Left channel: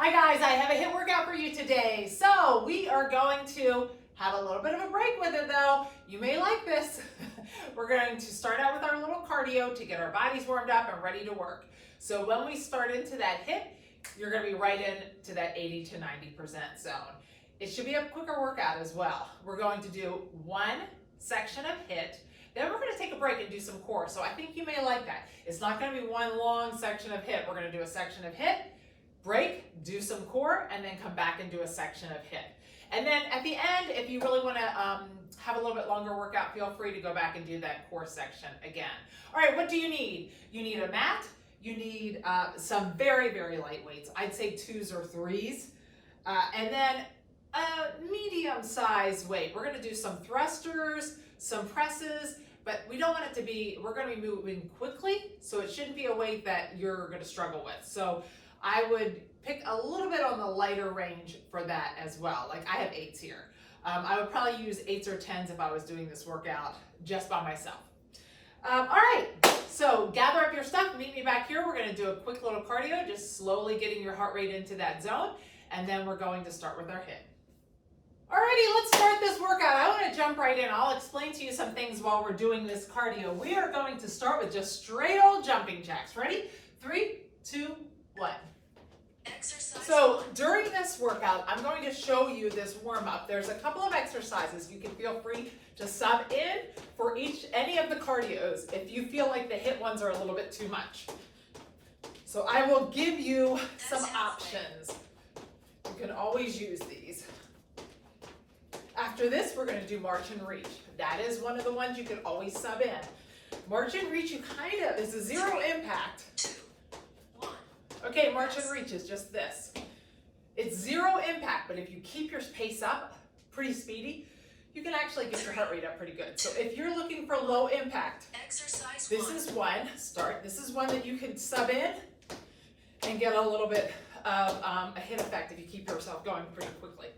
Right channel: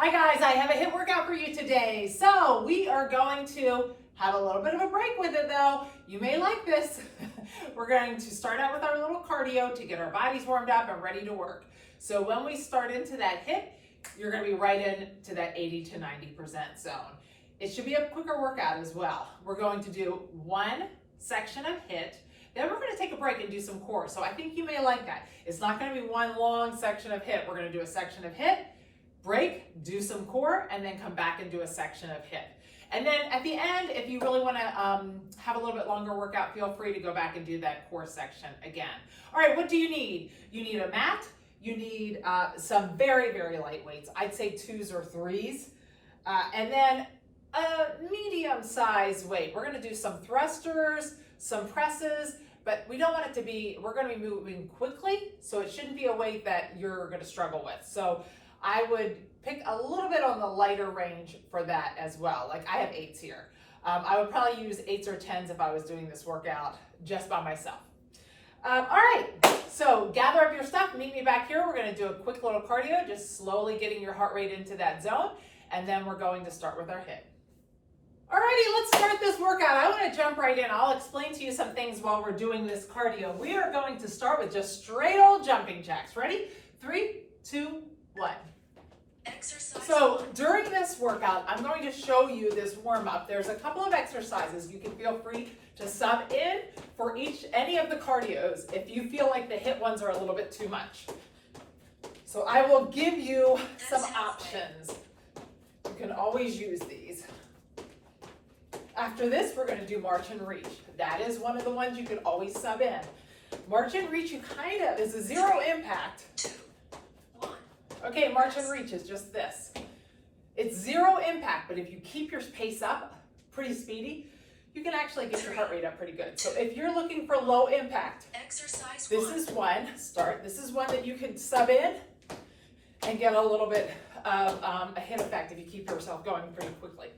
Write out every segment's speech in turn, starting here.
Hi guys, I have a HIIT workout for you today. So we are going to have a little bit of a break with it though. You may like this. We're going to start out with our little cardio to get our bodies warmed up and ready to work. So when we start into that HIIT, you're going to be right into that 80 to 90% zone. It should be a quicker workout as well. We're going to do one section of HIIT. Then we're going to take a break and do some core. So I think you may like that. It's not going to be one long section of HIIT. We're going to do a section of HIIT, break, do some core, and then come back and do a section of HIIT. And then at the end, if you really want to have a little bit longer workout, feel free to go back and do that core section again. All right, what do you need? You need a mat. You need some very, very light weights. I'd say 2s or 3s. And then a medium size weight. We're going to do some thrusters, some presses, but we don't want it to be, we're going to be moving quickly, so it shouldn't be a weight that you're going to struggle with. So I would pick a little bit on the lighter range for that as well. Like I have 8s here. I would probably use 8s or 10s if I was doing this workout just by myself. All right, so gather up your stuff, meet me back here. We're going to do a quick little cardio, just slowly getting your heart rate into that zone, and then we're going to start with our HIIT. Alrighty, let's start this workout. I want to jump right in. I'll explain to you some things while we're doing this cardio. We are going to start with just straight old jumping jacks. Ready? 3, 2, 1. Exercise. So during this workout, I'm going to show you this warm-up. There's a couple of exercises. You can feel free to sub in for any of the cardios if you feel like the HIIT ones are a little bit too much. So I will give you some options. You can always use these. After this, we're going to do march and reach. That is one of the ones you can always sub in. March and reach, you kind of, is a 0 impact. 2, 1. Okay, march and reach is just this. It's 0 impact, but if you keep your pace up pretty speedy, you can actually get your heart rate up pretty good. So if you're looking for low impact, Exercise this 1. is one, start. This is one that you could sub in and get a little bit of a HIIT effect if you keep yourself going pretty quickly.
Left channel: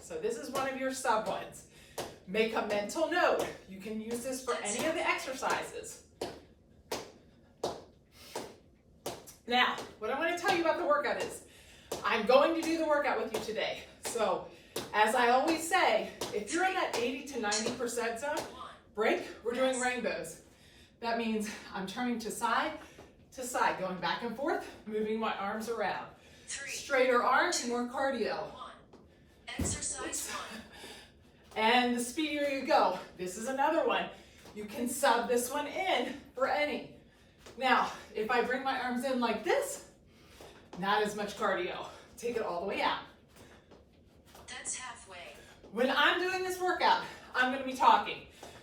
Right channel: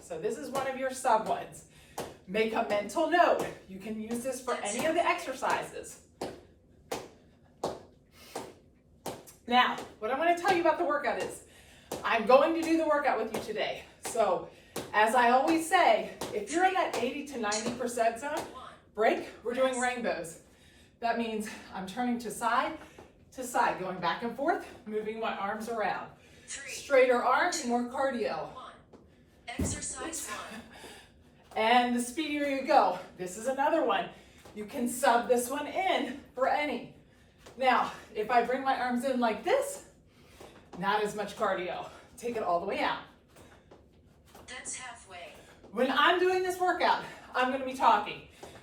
So this is one of your sub ones. Make a mental note. You can use this for any of the exercises. Now, what I want to tell you about the workout is, I'm going to do the workout with you today. So, as I always say, if you're in that 80 to 90% zone, break, we're doing rainbows. That means I'm turning to side, going back and forth, moving my arms around. 3, Straighter arms, more cardio. 1. Exercise 1. And the speedier you go. This is another one. You can sub this one in for any. Now, if I bring my arms in like this, not as much cardio. Take it all the way out. That's halfway. When I'm doing this workout, I'm going to be talking.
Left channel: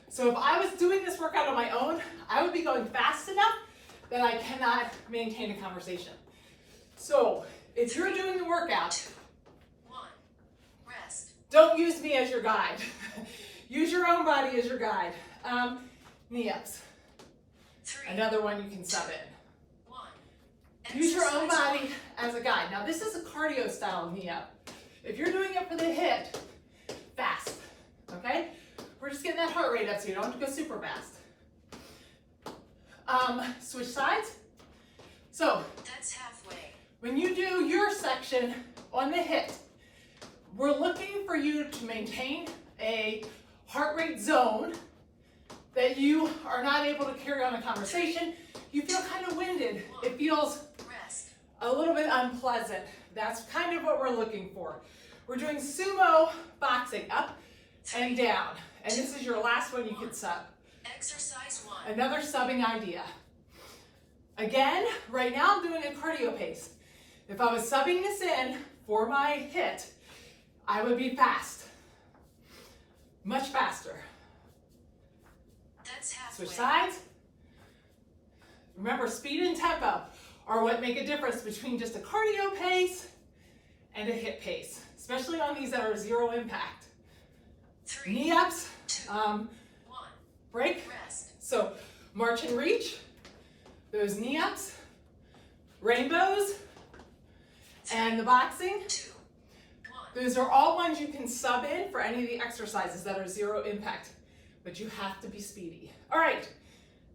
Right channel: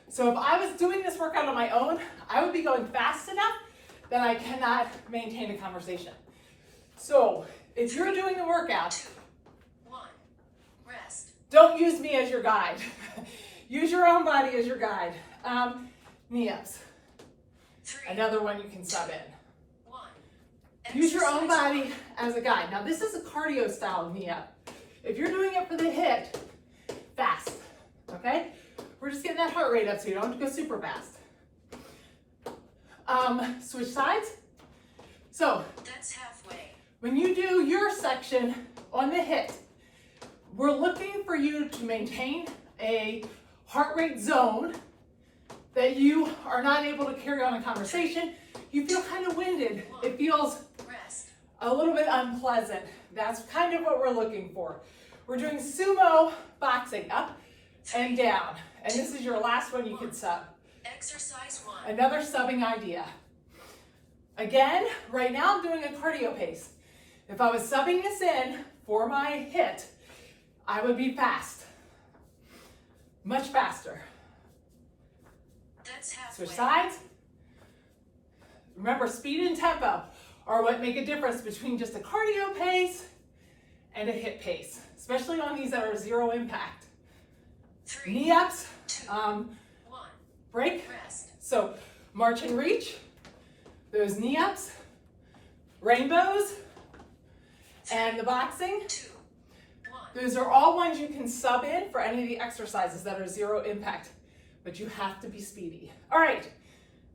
So if I was doing this workout on my own, I would be going fast enough that I cannot maintain a conversation. So if you're doing the workout, 2, 1. Rest. don't use me as your guide. Use your own body as your guide. Knee ups. 3, Another one you can sub in. 1. Use your own Exercise body as a guide. Now this is a cardio style knee up. If you're doing it for the HIIT, fast, okay? We're just getting that heart rate up so you don't have to go super fast. Switch sides. So That's halfway. when you do your section on the HIIT, we're looking for you to maintain a heart rate zone that you are not able to carry on a conversation. You feel kind of winded. It feels Rest. a little bit unpleasant. That's kind of what we're looking for. We're doing sumo boxing, up and down. And this is your last one you can sub. Exercise 1. Another subbing idea. Again, right now I'm doing a cardio pace. If I was subbing this in for my HIIT, I would be fast. Much faster. That's halfway. Switch sides. Remember, speed and tempo are what make a difference between just a cardio pace and a HIIT pace, especially on these that are 0 impact. 3, Knee ups, 2, 1. break. Rest. So march and reach, those knee ups, rainbows, and the boxing. 2, 1. Those are all ones you can sub in for any of the exercises that are 0 impact, but you have to be speedy. All right,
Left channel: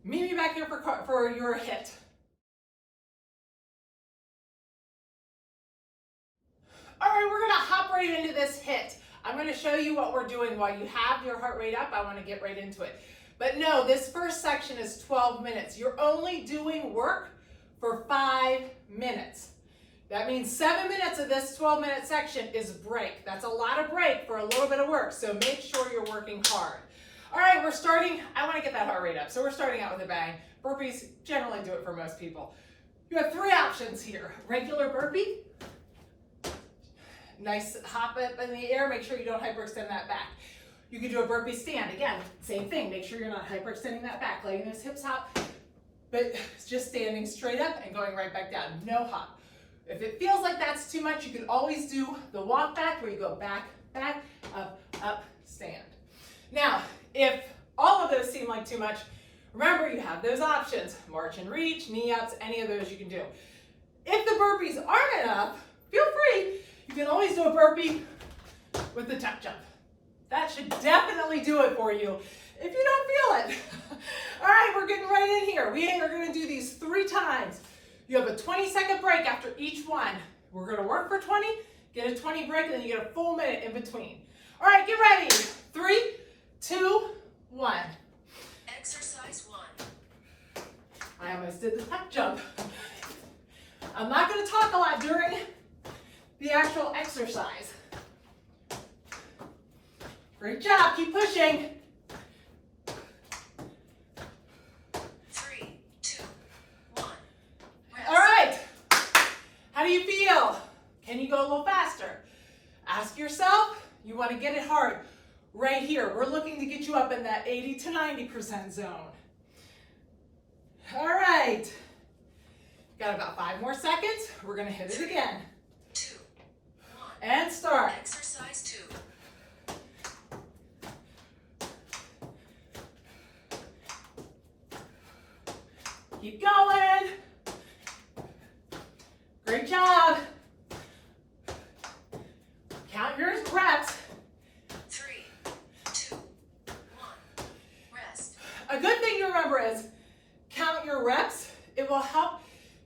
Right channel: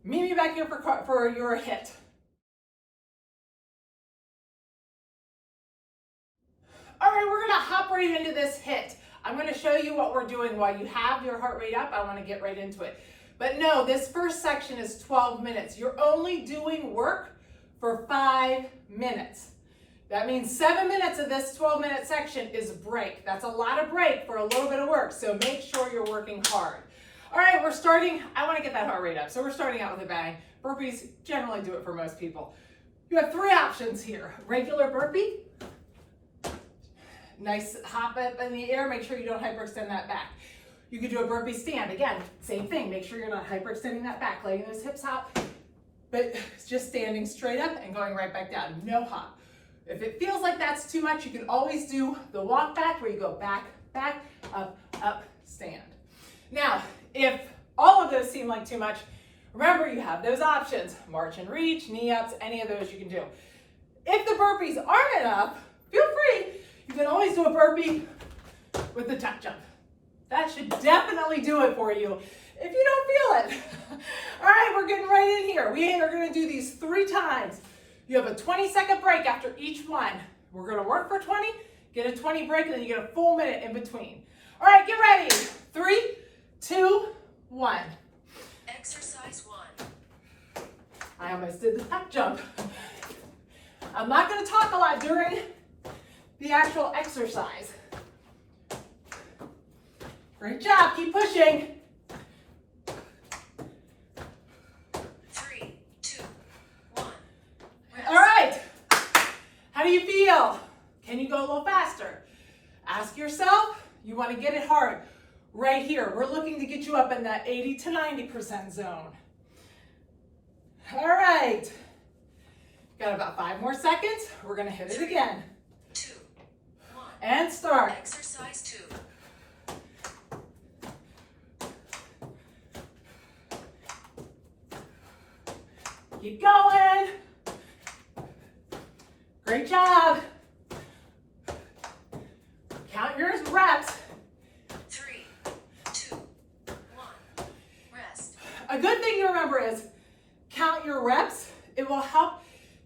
meet me back here for your HIIT. All right, we're gonna hop right into this HIIT. I'm gonna show you what we're doing while you have your heart rate up. I wanna get right into it. But no, this first section is 12 minutes. You're only doing work for 5 minutes. That means 7 minutes of this 12-minute section is break. That's a lot of break for a little bit of work, so make sure you're working hard. All right, we're starting. I wanna get that heart rate up, so we're starting out with a bang. Burpees generally do it for most people. You have 3 options here. Regular burpee. Nice hop up in the air. Make sure you don't hyperextend that back. You could do a burpee stand. Again, same thing. Make sure you're not hyperextending that back, letting those hips hop, but just standing straight up and going right back down. No hop. If it feels like that's too much, you can always do the walk back where you go back, back, up, up, stand. Now, if all of those seem like too much, remember you have those options. March and reach, knee ups, any of those you can do. If the burpees aren't enough, feel free. You can always do a burpee with the tuck jump. That should definitely do it for you if you don't feel it. All right, we're getting right in here. We are gonna do these 3 times. You have a 20-second break after each one. We're gonna work for 20, get a 20 break, and then you get a full minute in between. All right, get ready. 3, 2, 1. Exercise 1. I almost did the tuck jump. I'm not gonna talk a lot during the actual exercise. Great job, keep pushing. 3, 2, 1. Rest. All right, how do you feel? Can you go a little faster? Ask yourself, you wanna get it hard. Right here, we're looking to get you up in that 80 to 90% zone. All right, got about 5 more seconds. We're gonna hit it again. 2, 1. And start. Exercise 2. Keep going. Great job. Count your reps. 3, 2, 1. Rest. A good thing to remember is count your reps. It will help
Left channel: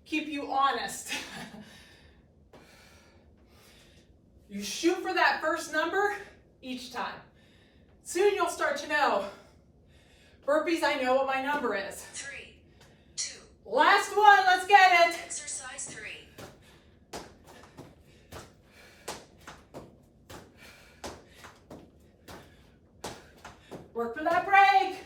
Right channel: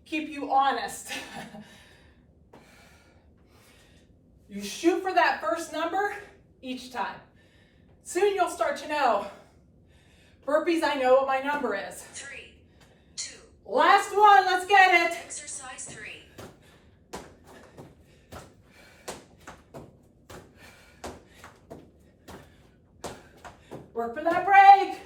keep you honest. You shoot for that first number each time. Soon you'll start to know. Burpees, I know what my number is. 3, 2. Last one, let's get it. Exercise 3. Work for that break.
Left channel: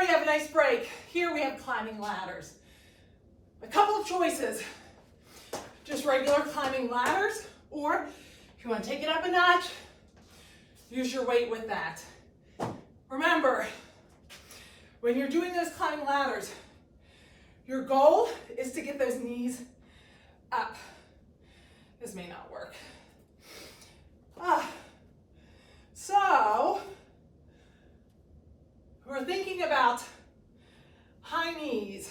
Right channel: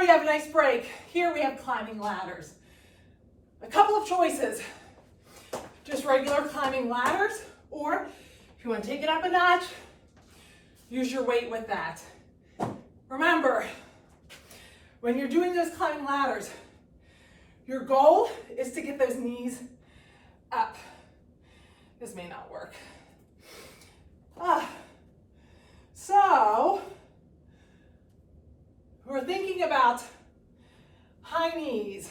You have a nice break. Here we have climbing ladders. A couple of choices. Just regular climbing ladders, or if you want to take it up a notch, use your weight with that. Remember, when you're doing those climbing ladders, your goal is to get those knees up. This may not work. So, we're thinking about high knees.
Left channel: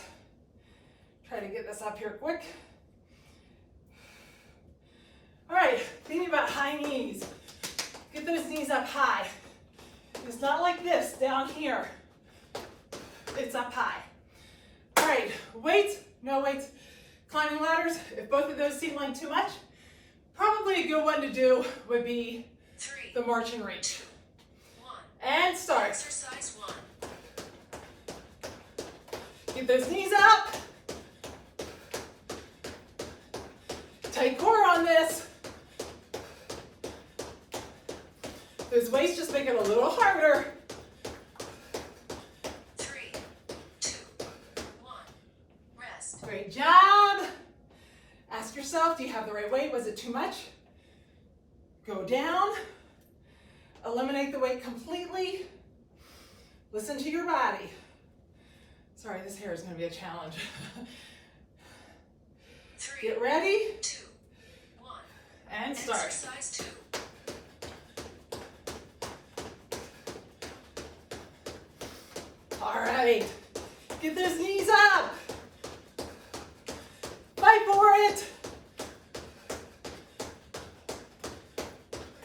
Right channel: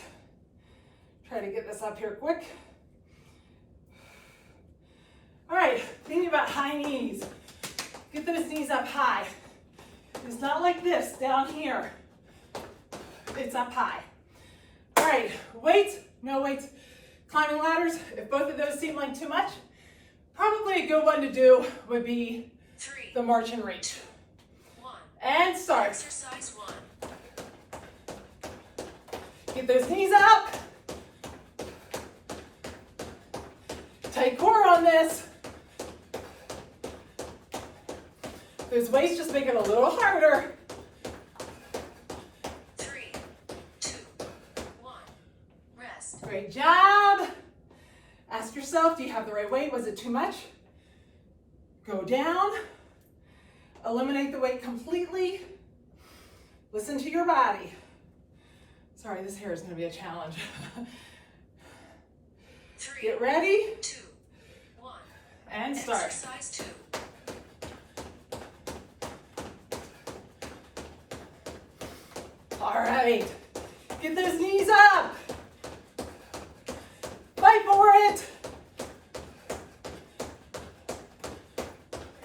Try to get this up here quick. All right, thinking about high knees. Get those knees up high. It's not like this down here. It's up high. All right, weights, no weights. Climbing ladders, if both of those seem like too much, probably a good one to do would be 3, the march and reach. 1. And start. Exercise 1. Get those knees up. Tight core on this. Those weights just make it a little harder. 3, 2, 1. Rest. Great job. Ask yourself, do you have the right weight? Was it too much? Go down. Eliminate the weight completely. Listen to your body. Sorry, this hair is going to be a challenge. 3, Get ready. 2, 1. And start. Exercise 2. All right. Get those knees up. Fight for it.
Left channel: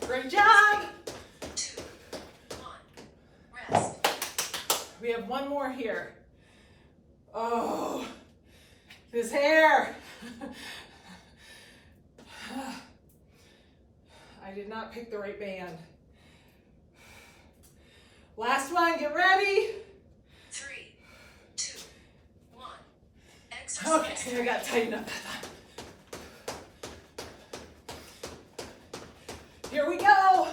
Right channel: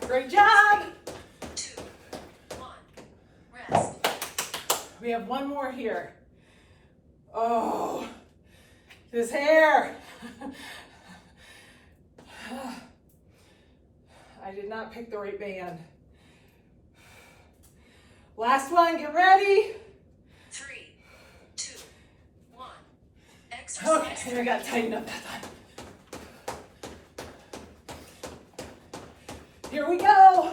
Great job. 2, We have one more here. Oh, this hair. I did not pick the right band. Last one, get ready. 3, 2, 1. Exercise. Okay, I got to tighten up that time. Here we go.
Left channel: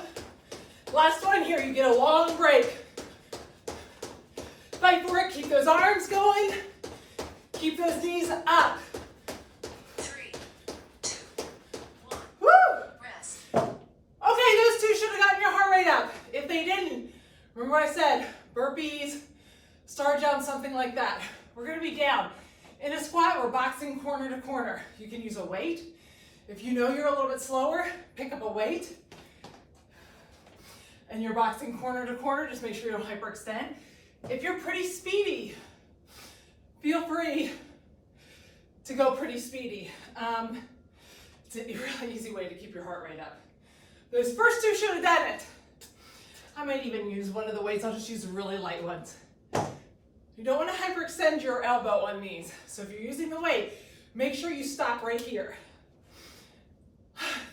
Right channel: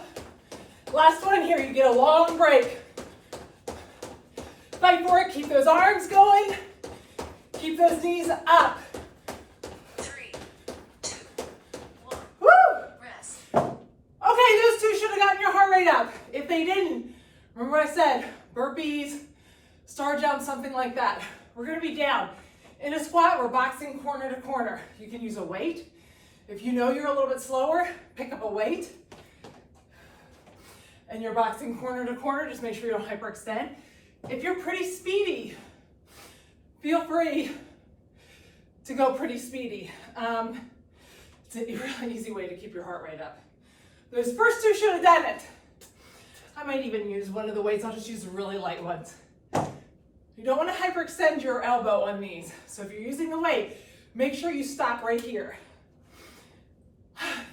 Last one here, you get a long break. Fight for it, keep those arms going. Keep those knees up. 3, 2, 1. Woo! Rest. Okay, those two should have gotten your heart rate up. If they didn't, remember what I said, burpees, star jump, something like that. We're gonna be down. In a squat, we're boxing corner to corner. You can use a weight. If you know you're a little bit slower, pick up a weight. And you're boxing corner to corner, just make sure you don't hyperextend. If you're pretty speedy, feel free to go pretty speedy. It's a really easy way to keep your heart rate up. Those first two should have done it. I might even use one of the weights. I'll just use really light ones. You don't want to hyperextend your elbow on these. So if you're using the weight, make sure you stop right here.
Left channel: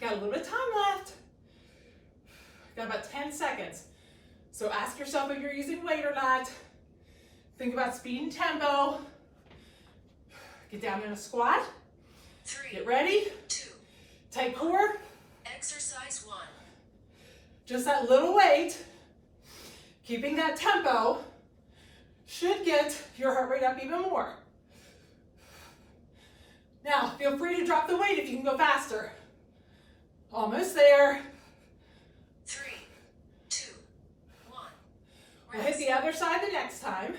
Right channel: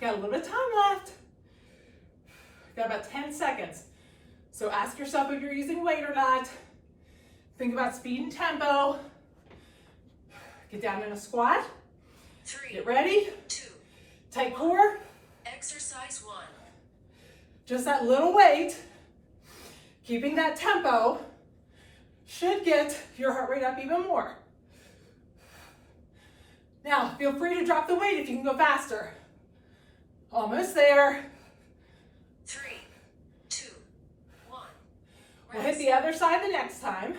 Got a little bit of time left. Got about 10 seconds. So ask yourself if you're using weight or not. Think about speed and tempo. Get down in a squat. 3, Get ready. 2. Tight core. Exercise 1. Just that little weight. Keeping that tempo should get your heart rate up even more. Now, feel free to drop the weight if you can go faster. Almost there. 3, 2, 1. We'll hit the other side the next time.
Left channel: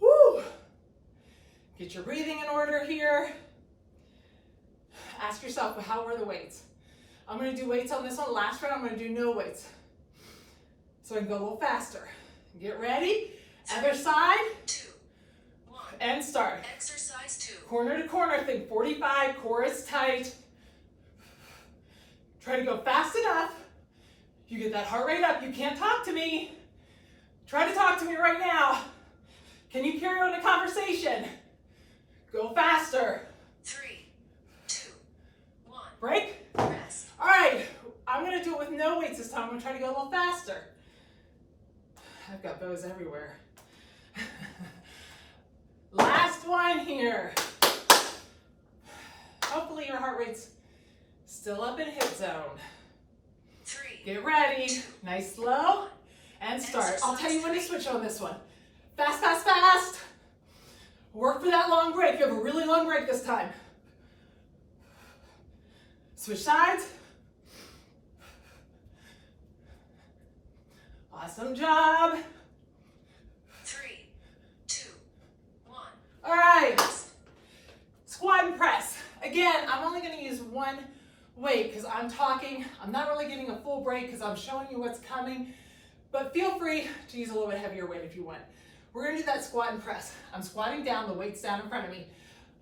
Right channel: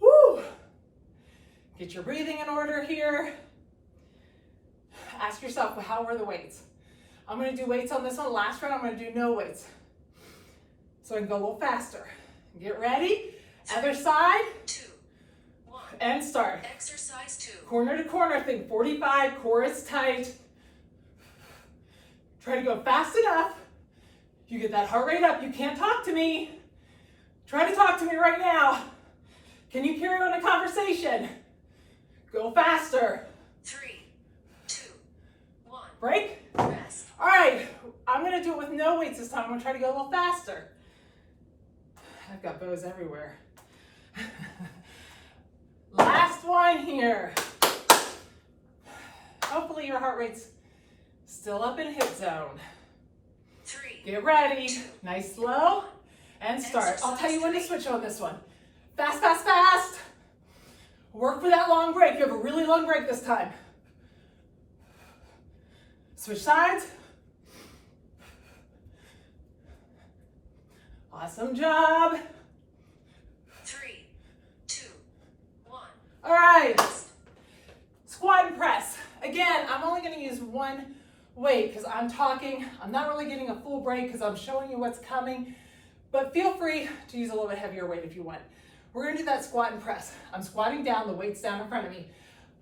Woo! Get your breathing in order here. Ask yourself, well, how were the weights? I'm going to do weights on this one. Last round, I'm going to do no weights. So I can go a little faster. Get ready. Other side. 2, 1. And start. Exercise 2. Corner to corner, think 45, core is tight. Try to go fast enough. You get that heart rate up. You can't talk to me. Try to talk to me right now. Can you carry on a conversation? Go faster. 3, 2, 1. Break. Rest. All right, I'm gonna do it with no weights this time. I'm gonna try to go a little faster. I've got bows everywhere. Last one here. Hopefully your heart rate's still up in HIIT zone. 3. Get ready. Nice slow. And start. I'll tell you when to switch on this one. Fast, fast, fast. Work for that long break. You have a really long break this time. Switch sides. Awesome job. 3, 2, 1. All right. Squat and press. Again, I'm only going to use one weight because I'm talking. I'm not really getting a full break because I'm showing you what's coming. But feel free to use a little bit heavier weight if you want. We're going to do that squat and press. I'm squatting down, the weight's down in front of me.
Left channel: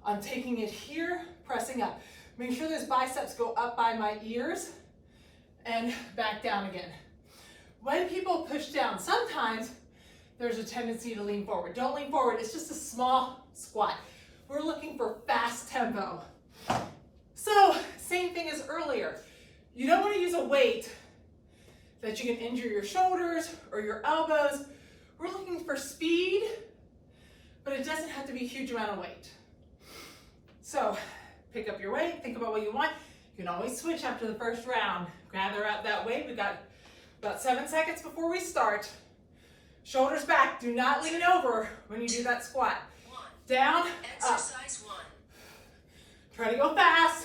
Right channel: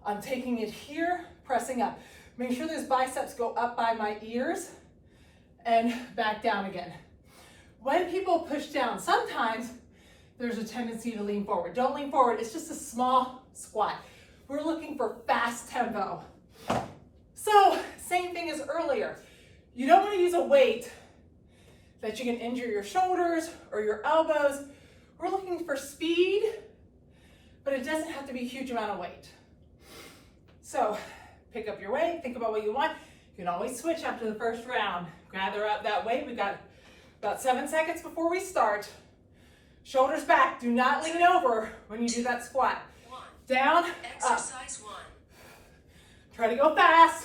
I'm taking it here, pressing up. Make sure those biceps go up by my ears and back down again. When people push down, sometimes there's a tendency to lean forward. Don't lean forward, it's just a small squat. We're looking for fast tempo. So, same thing as earlier. You don't want to use a weight that you can injure your shoulders or your elbows. We're looking for speed, but it doesn't have to be a huge amount of weight. So, pick up your weight, think about what you want. You can always switch after the first round. Gather out that weight. We've got about 7 seconds before we start. Shoulders back. Do not lean over when you do that squat. 1. Down, up. Exercise 1. Try to go fast.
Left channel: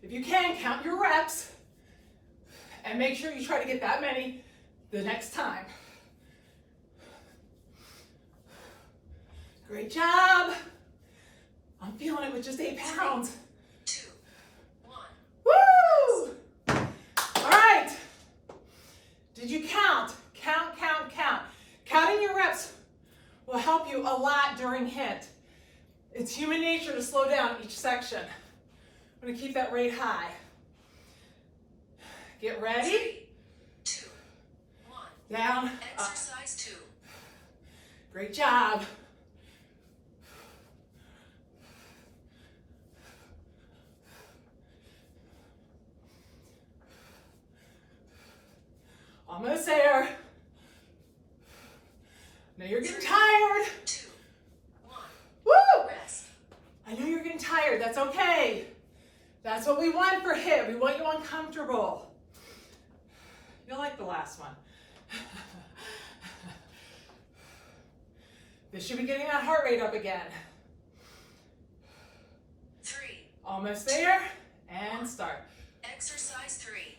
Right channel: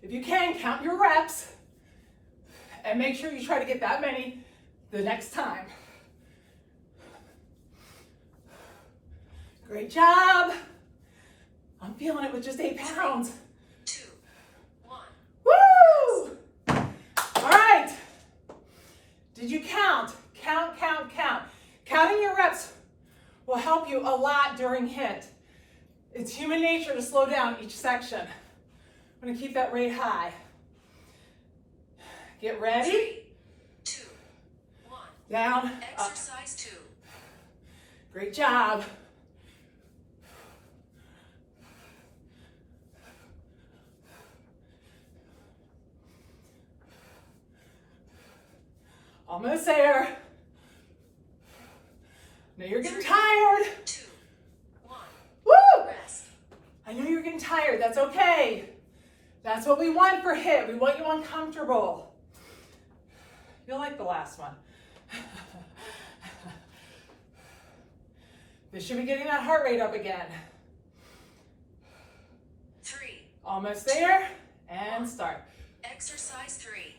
If you can, count your reps. And make sure you try to get that many the next time. Great job. I'm feeling it with just 8 pounds. 2, 1. Woo! All right. Did you count? Count, count, count. Counting your reps will help you a lot during HIIT. It's human nature to slow down each section. I'm gonna keep that rate high. Get ready. 3, 2, 1. Down, up. Exercise 2. Great job. Almost there. Now you're getting tired. 2, 1. Woo! Rest. I know you're getting tired. That's okay. That's what we want for HIIT. We want you uncomfortable. You'll like the last one. This should be getting that heart rate up again. 3. Almost there. And start. Exercise 3.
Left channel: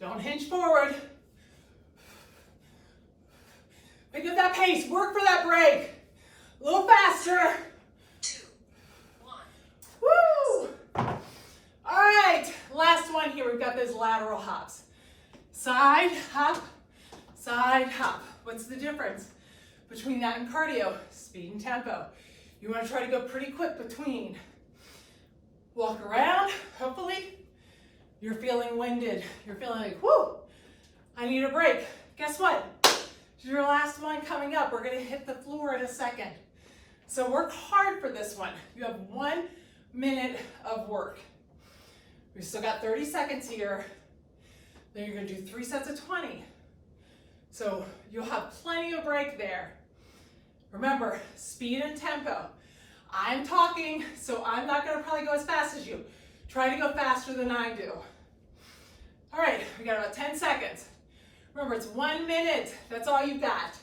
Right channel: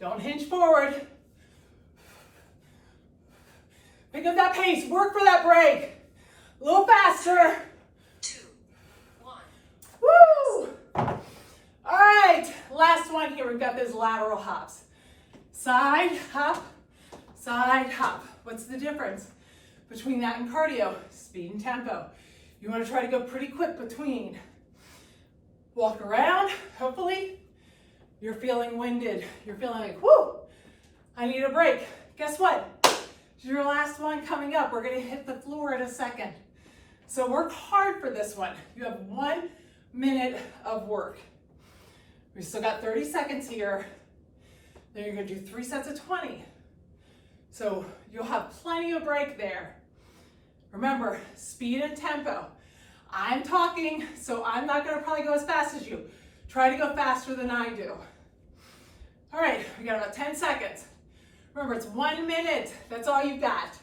Don't hinge forward. Pick up that pace. Work for that break. A little faster. 2, 1. Woo! All right, last one here. We've got those lateral hops. Side hop, side hop. What's the difference between that and cardio? Speed and tempo. You want to try to go pretty quick between. Walk around, hopefully. You're feeling winded. You're feeling like, whoo, I need a break. Guess what? Your last one coming up. We're gonna hit the floor in a second. So work hard for this one. You have 1 minute of work. We've still got 30 seconds here. Then you're gonna do 3 sets of 20. So you'll have plenty of break there. Remember, speed and tempo. I'm talking, so I'm not gonna probably go as fast as you. Try to go faster than I do. All right, we got about 10 seconds. Remember, it's 1 minute. That's all you've got.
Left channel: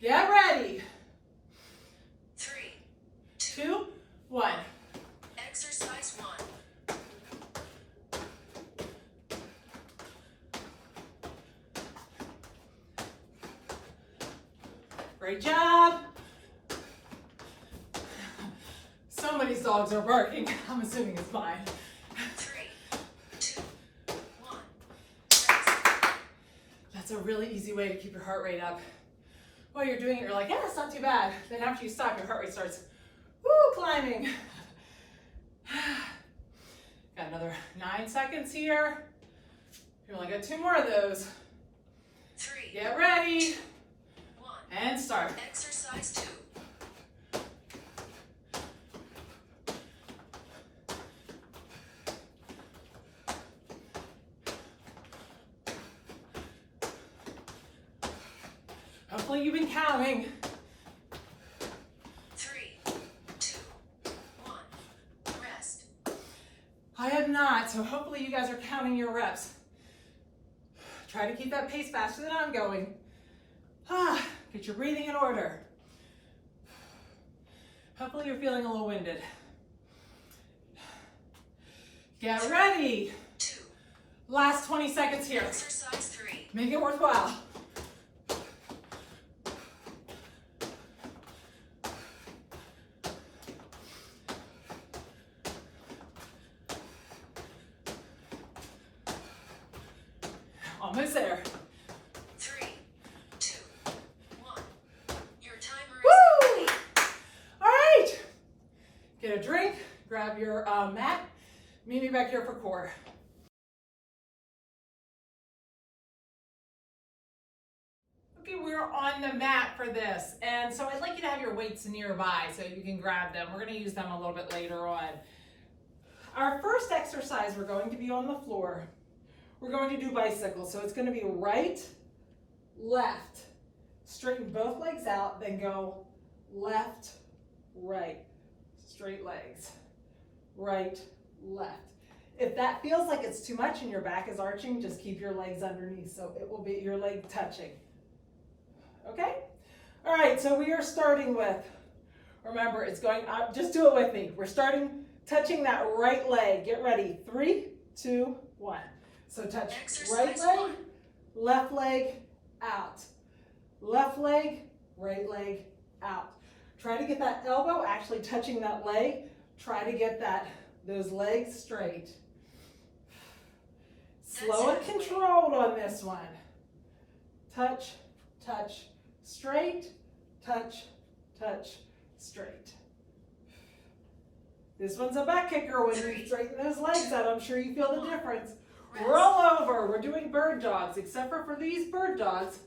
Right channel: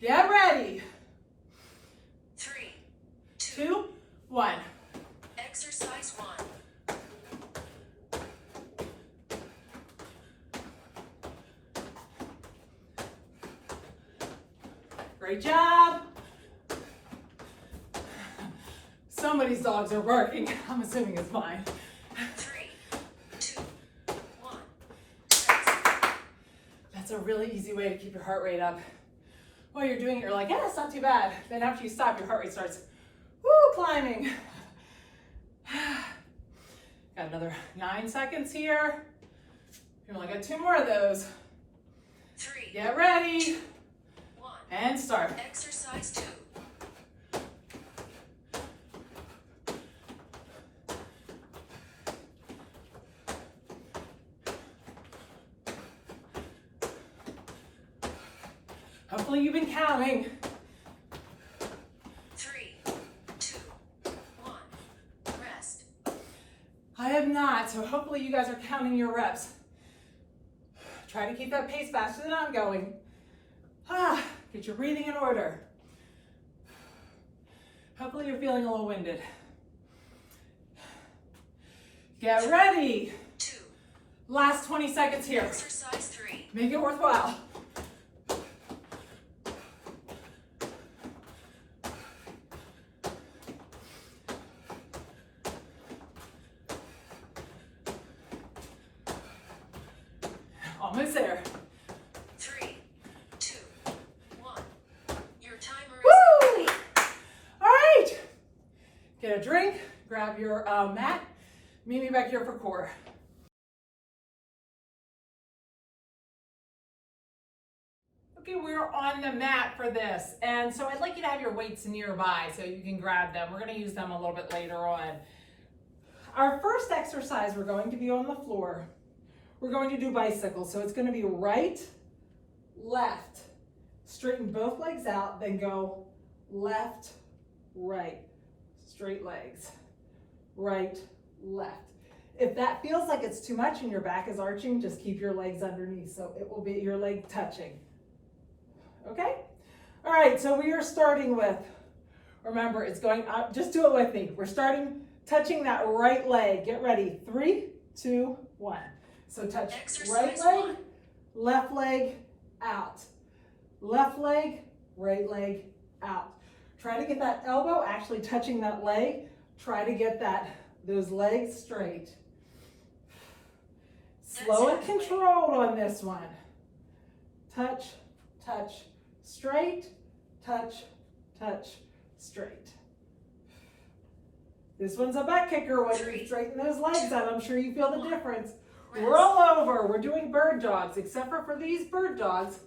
Get ready. 3, 2, 1. Exercise 1. Great job. Somebody's dogs are barking. I'm assuming it's mine. 3, 2, 1. That's a really easy way to keep your heart rate up. While you're doing it, you're like, yeah, it's not too bad. Then after you stop, your heart rate starts, woo, climbing. Got another 9 seconds here. You only got 2 more of those. 3, Get ready. 1. And start. Exercise 2. Hopefully you've been counting. 3, 2, 1. Rest. I have not, so hopefully you guys are counting your reps. Try to keep that pace faster than I'm going. Get your breathing in order. Hopefully you're feeling a little winded. Get ready. 2. Last 20 seconds here. Exercise 3. Make it worthwhile. Almost there. 3, 2, 1. Your timer is Woo! complete. All right. Get a drink, grab your mat. Meet me back here for core. Okay, we're on the mat for this. And so I'd like you to have your weights nearby so you can grab them. We're gonna use them a little bit later on. Our first exercise, we're going to be on the floor. We're going to do bicycles. So it's gonna be right, left. Straighten both legs out, then go left, right. Straight legs. Right, left. If that feels like it's too much and your back is arching, just keep your legs underneath so it will be your leg touching. Okay? All right, so we are starting with, remember, it's going up, just do it with me. We're starting touching that right leg. Get ready. 3, 2, 1. So touch right Exercise leg, 1. left leg, out. Left leg, right leg, out. Try to get that elbow actually touching that leg. Try to get those legs straight. Slow and controlled on this one. Touch, touch, straight, touch, touch, straight. This one's a butt kicker when you straighten those legs out. I'm sure you feel the difference. Rest. Roll over. We're doing bird dogs. Except for these bird dogs,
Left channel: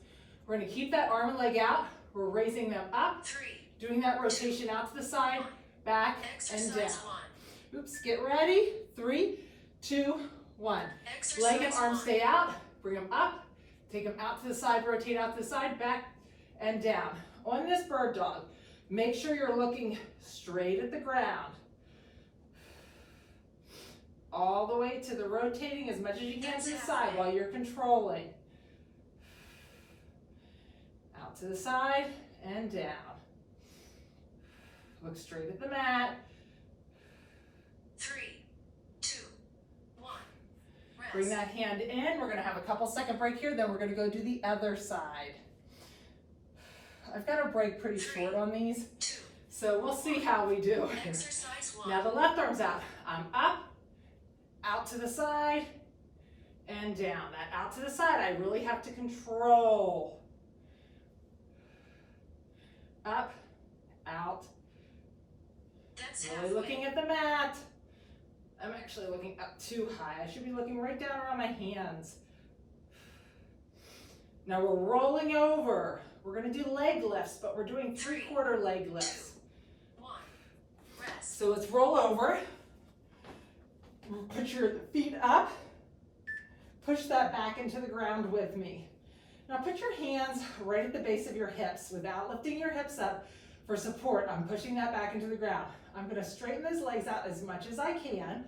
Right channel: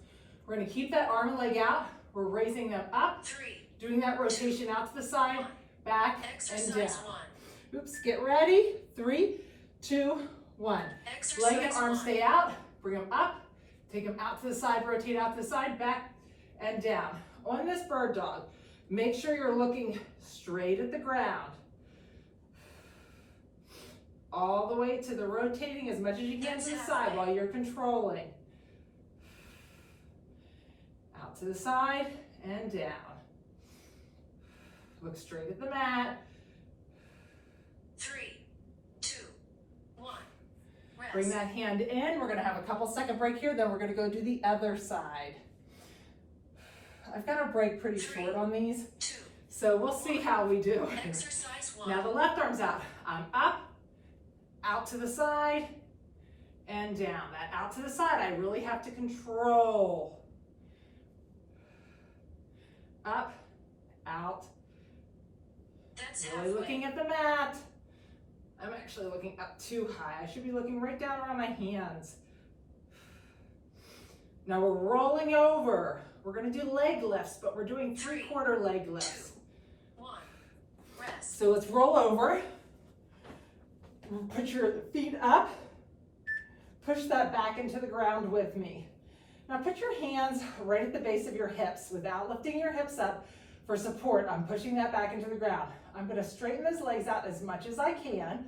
we're going to keep that arm and leg out. We're raising them up, 3, doing that rotation out to the side, back, exercise and down. 1. Oops, get ready. 3, 2, 1. Exercise Leg and arm 1. stay out. Bring them up. Take them out to the side, rotate out to the side, back, and down. On this bird dog, make sure you're looking straight at the ground. All the way to the rotating as much as you can to the side while you're controlling. Out to the side and down. Look straight at the mat. 3, 2, 1. Rest. Bring that hand in. We're going to have a couple second break here, then we're going to go do the other side. I've got a break pretty short on these, 2. so we'll see how we do. Exercise 1. Now the left arm's out. I'm up, out to the side, and down. That out to the side, I really have to control. Up, out. That's Really halfway. looking at the mat. I'm actually looking up too high. I should be looking right down around my hands. Now we're rolling over. We're going to do leg lifts, but we're doing 3/4 leg lifts. 2, 1. Rest. So let's roll over. Put your feet up. Push that back into the ground with me. Now put your hands right at the base of your hips without lifting your hips up for support. I'm pushing that back into the ground. I'm going to straighten those legs out as much as I can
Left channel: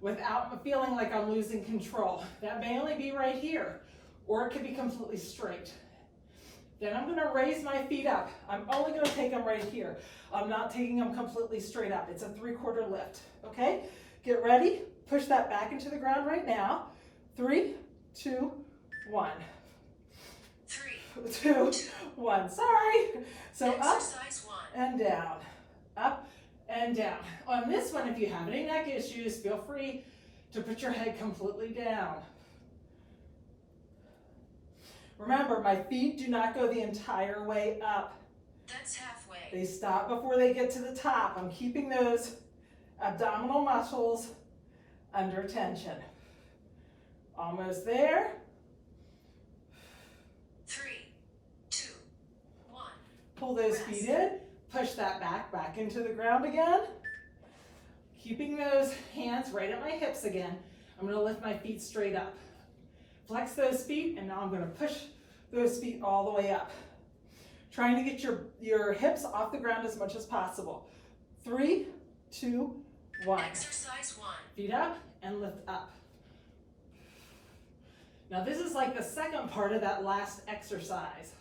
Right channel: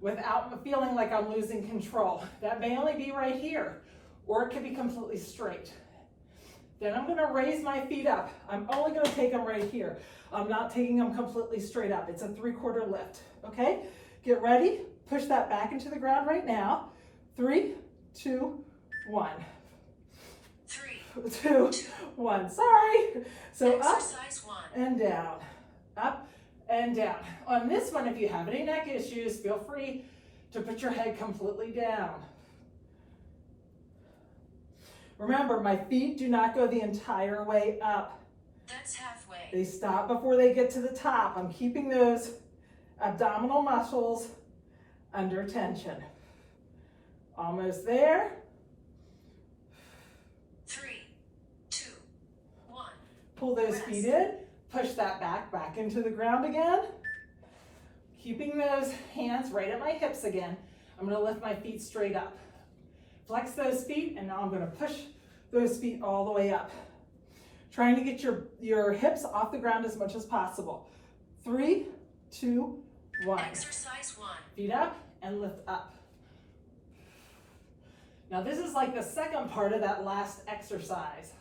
without feeling like I'm losing control. That may only be right here, or it could be completely straight. Then I'm going to raise my feet up. I'm only going to take them right here. I'm not taking them completely straight up. It's a 3/4 lift. Okay? Get ready. Push that back into the ground right now. 3, 2, 1. 3, 2, 1. Sorry. So up exercise 1. and down. Up and down. On this one, if you have any neck issues, feel free to put your head completely down. Remember, my feet do not go the entire way up. That's halfway. They stop before they get to the top. I'm keeping those abdominal muscles under tension. Almost there. 3, 2, 1. Pull those Rest. feet in. Push that back into the ground again. Keeping those hands right at my hips again. I'm going to lift my feet straight up. Flex those feet, and now I'm going to push those feet all the way up. Trying to get your hips off the ground as much as possible. 3, 2, 1. Exercise 1. Feet up and lift up. Now this is like the second part of that last exercise.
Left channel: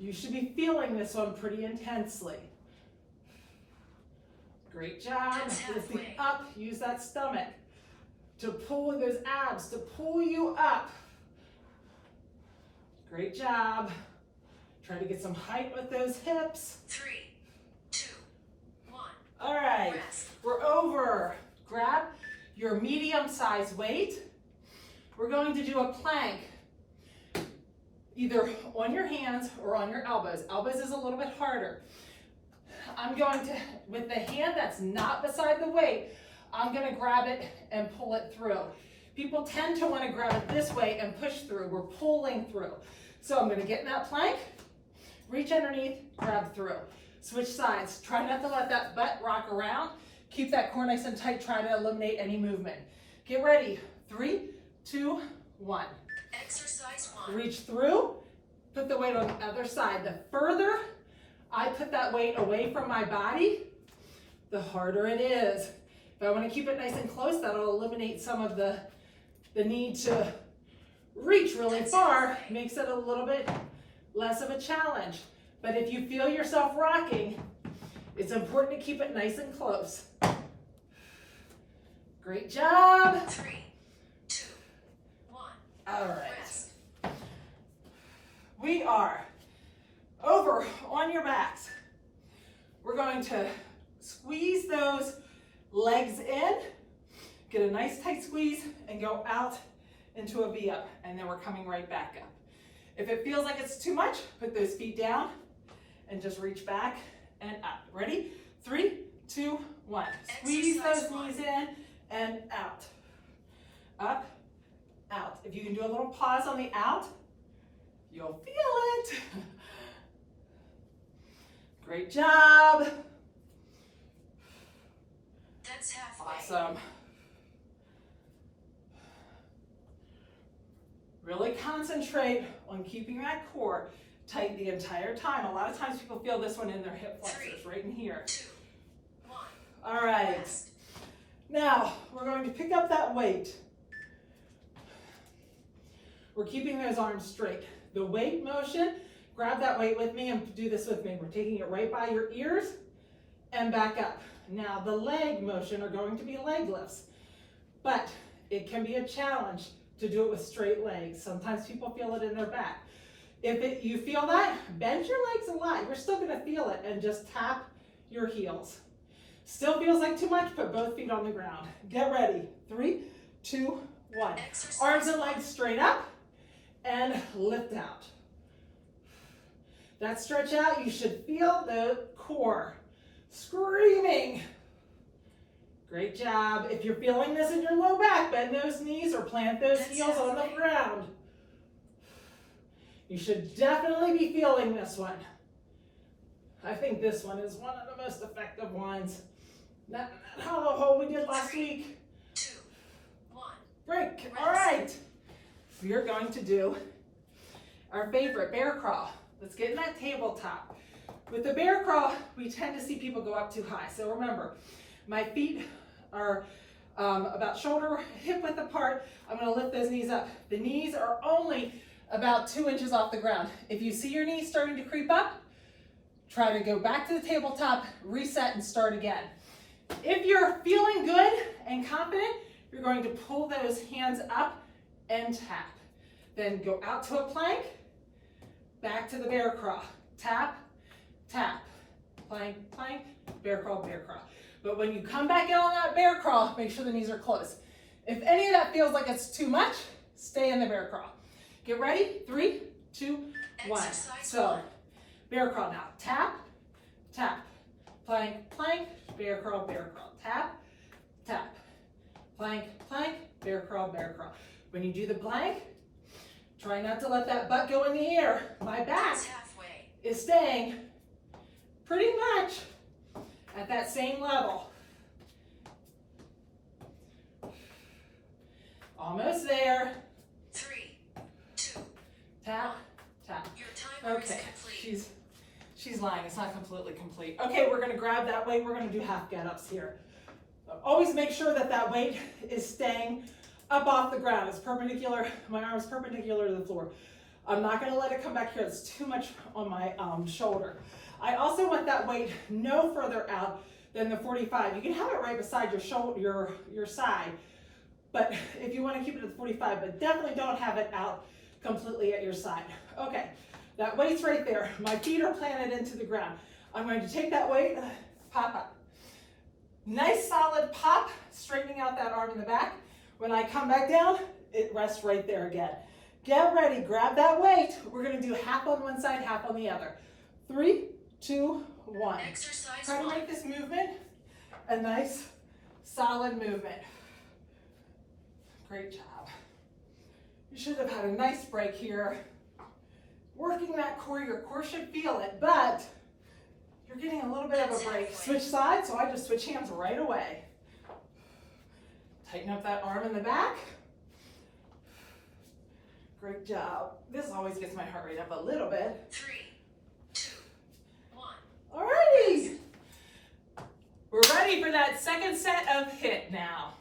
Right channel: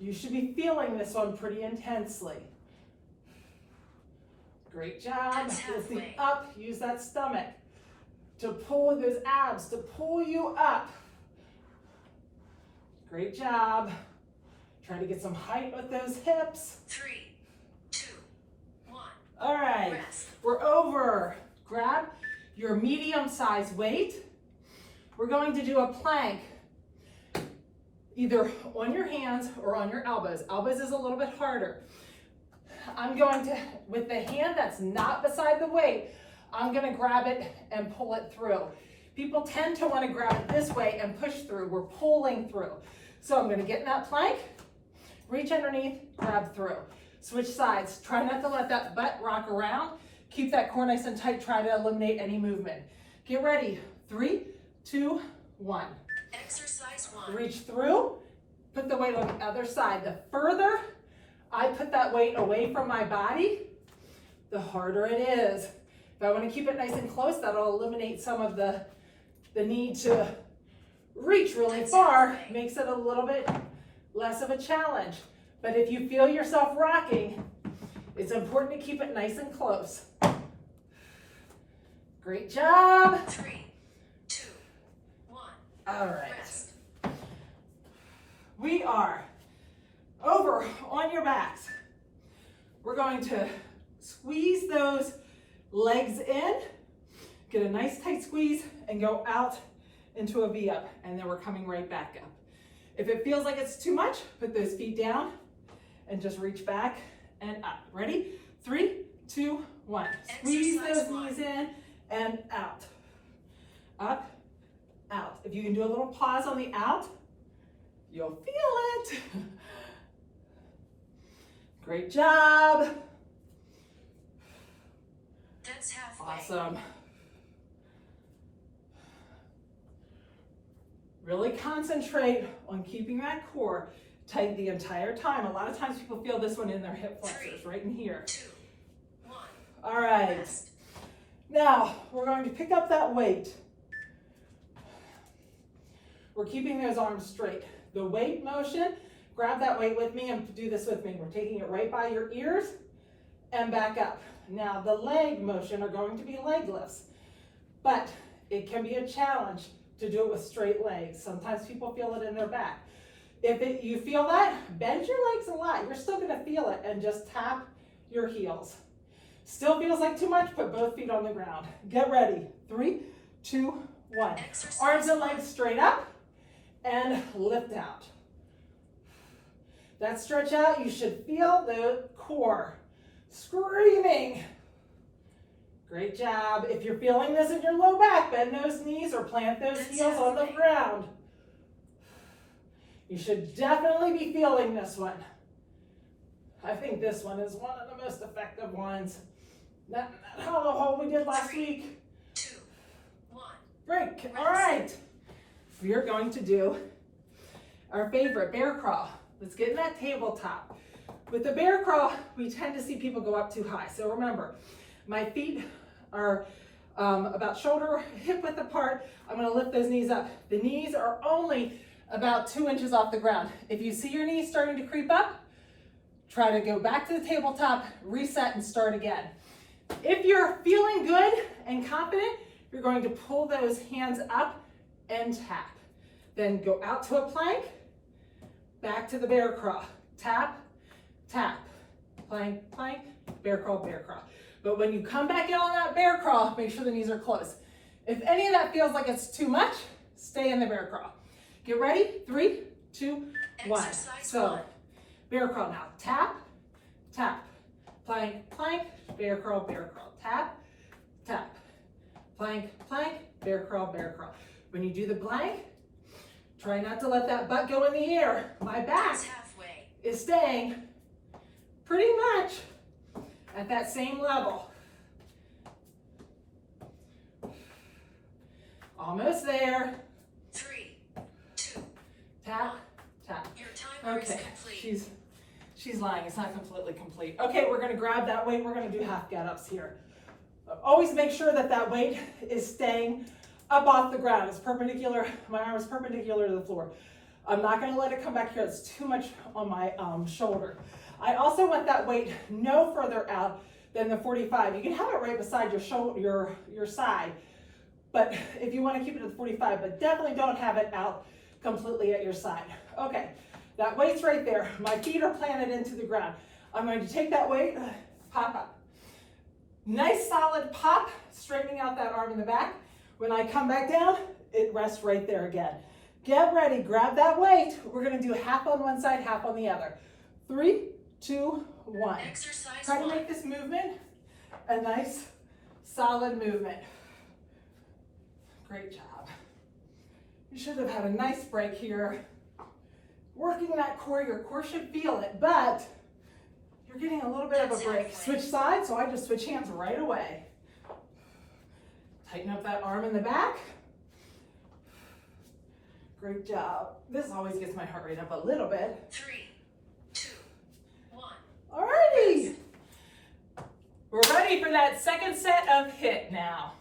You should be feeling this one pretty intensely. Great job. That's Lifting halfway. up. Use that stomach to pull those abs, to pull you up. Great job. Try to get some height with those hips. 3, 2, 1. All right, Rest. we're over. Grab your medium-sized weight. We're going to do a plank, either on your hands or on your elbows. Elbows is a little bit harder. I'm going to, with the hand that's not beside the weight, I'm going to grab it and pull it through. People tend to want to grab it this way and push through. We're pulling through. So I'm going to get in that plank, reach underneath, grab through. Switch sides. Try not to let that butt rock around. Keep that core nice and tight. Try to eliminate any movement. Get ready. 3, 2, 1. Exercise 1. Reach through. Put the weight on the other side. The further I put that weight away from my body, the harder it is. If I want to keep it nice and close, that'll eliminate some of the need to reach really far, makes it a little bit less of a challenge. But if you feel yourself rocking, it's important to keep it nice and close. Great job. 3, 2, 1. All right. Rest. We are over on your backs. We're going to squeeze those legs in, get a nice tight squeeze, and go out into a V up, and then we're coming right back up. If it feels like it's too much, put those feet down and just reach back and up. Ready? 3, 2, 1. Squeeze Exercise those 1. knees in and out. Up, out. If you can do a little pause on the out, you'll feel it. Great job. That's halfway. Awesome. Really concentrate on keeping that core tight the entire time. A lot of times people feel this one in their hip flexors, right in here. 2, 1. All right. Rest. Now, we're going to pick up that weight. We're keeping those arms straight. The weight motion, grab that weight with me and do this with me. We're taking it right by your ears and back up. Now, the leg motion are going to be leg lifts, but it can be a challenge to do it with straight legs. Sometimes people feel it in their back. If you feel that, bend your legs a lot. You're still gonna feel it, and just tap your heels. Still feels like too much, put both feet on the ground. Get ready. 3, 2, 1. Exercise Arms and 1. legs straight up and lift out. That stretch out, you should feel the core screaming. Great job. If you're feeling this in your low back, bend those knees or plant those That's heels on the halfway. ground. You should definitely be feeling this one. I think this one is one of the most effective ones. That hollow hold we did last 3, week. 2, 1. Break. Rest. All right. We are going to do our favorite, bear crawl. Let's get in that tabletop. With the bear crawl, we tend to see people go up too high. So remember, my feet are about shoulder, hip width apart. I'm gonna lift those knees up. The knees are only about 2 inches off the ground. If you see your knees starting to creep up, try to go back to the tabletop, reset, and start again. If you're feeling good and confident, you're going to pull those hands up and tap. Then go out to a plank, back to the bear crawl. Tap, tap, plank, plank, bear crawl, bear crawl. But when you come back in on that bear crawl, make sure the knees are close. If any of that feels like it's too much, stay in the bear crawl. Get ready, 3, 2, 1. Exercise So, 1. bear crawl now. Tap, tap, plank, plank, bear crawl, tap, tap, plank, plank, bear crawl. When you do the plank, try not to let that butt go in the air. My back That's halfway. is staying pretty much at that same level. Almost there. 3, 2. Tap, tap. Your timer is Okay, complete. she's lying, it's not completely complete. Okay, we're gonna grab that weight, we're gonna do half get-ups here. Always make sure that that weight is staying up off the ground. It's perpendicular, my arm is perpendicular to the floor. I'm not gonna let it come back here, it's too much on my shoulder. I also want that weight no further out than the 45. You can have it right beside your shoulder, your side, but if you wanna keep it at the 45, but definitely don't have it out completely at your side. Okay, that weight's right there. My feet are planted into the ground. I'm going to take that weight, pop up. Nice solid pop, straightening out that arm in the back. When I come back down, it rests right there again. Get ready, grab that weight. We're gonna do half on one side, half on the other. 3, 2, 1. Exercise Try to 1. make this movement a nice, solid movement. Great job. You should have had a nice break here. Working that core, your core should feel it, but you're getting a little bit of a break. Switch sides, so I just switch hands right away. Tighten up that arm in the back. Great job. This always gets my heart rate up a little bit. 3, 2, 1. Alrighty. We're ready for that second set of HIIT now.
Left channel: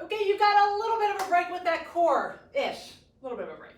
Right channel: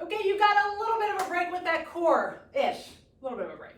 Okay, you got a little bit of a break with that core-ish, a little bit of a break.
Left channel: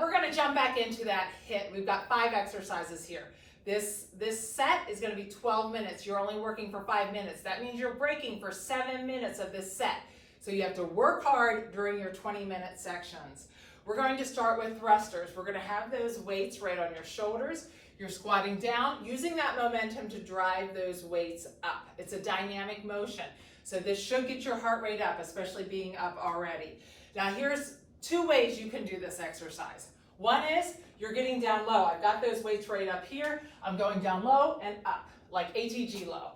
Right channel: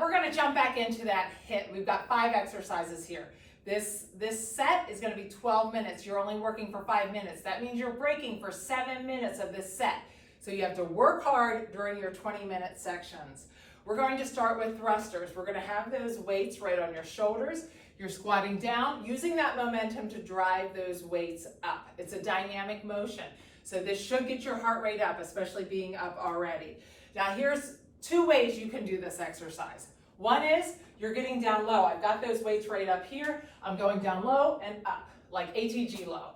We're gonna jump back into that HIIT. We've got 5 exercises here. This set is gonna be 12 minutes. You're only working for 5 minutes. That means you're breaking for 7 minutes of this set. So you have to work hard during your 20-minute sections. We're going to start with thrusters. We're gonna have those weights right on your shoulders. You're squatting down, using that momentum to drive those weights up. It's a dynamic motion. So this should get your heart rate up, especially being up already. Now here's 2 ways you can do this exercise. One is you're getting down low. I've got those weights right up here. I'm going down low and up, like ATG low.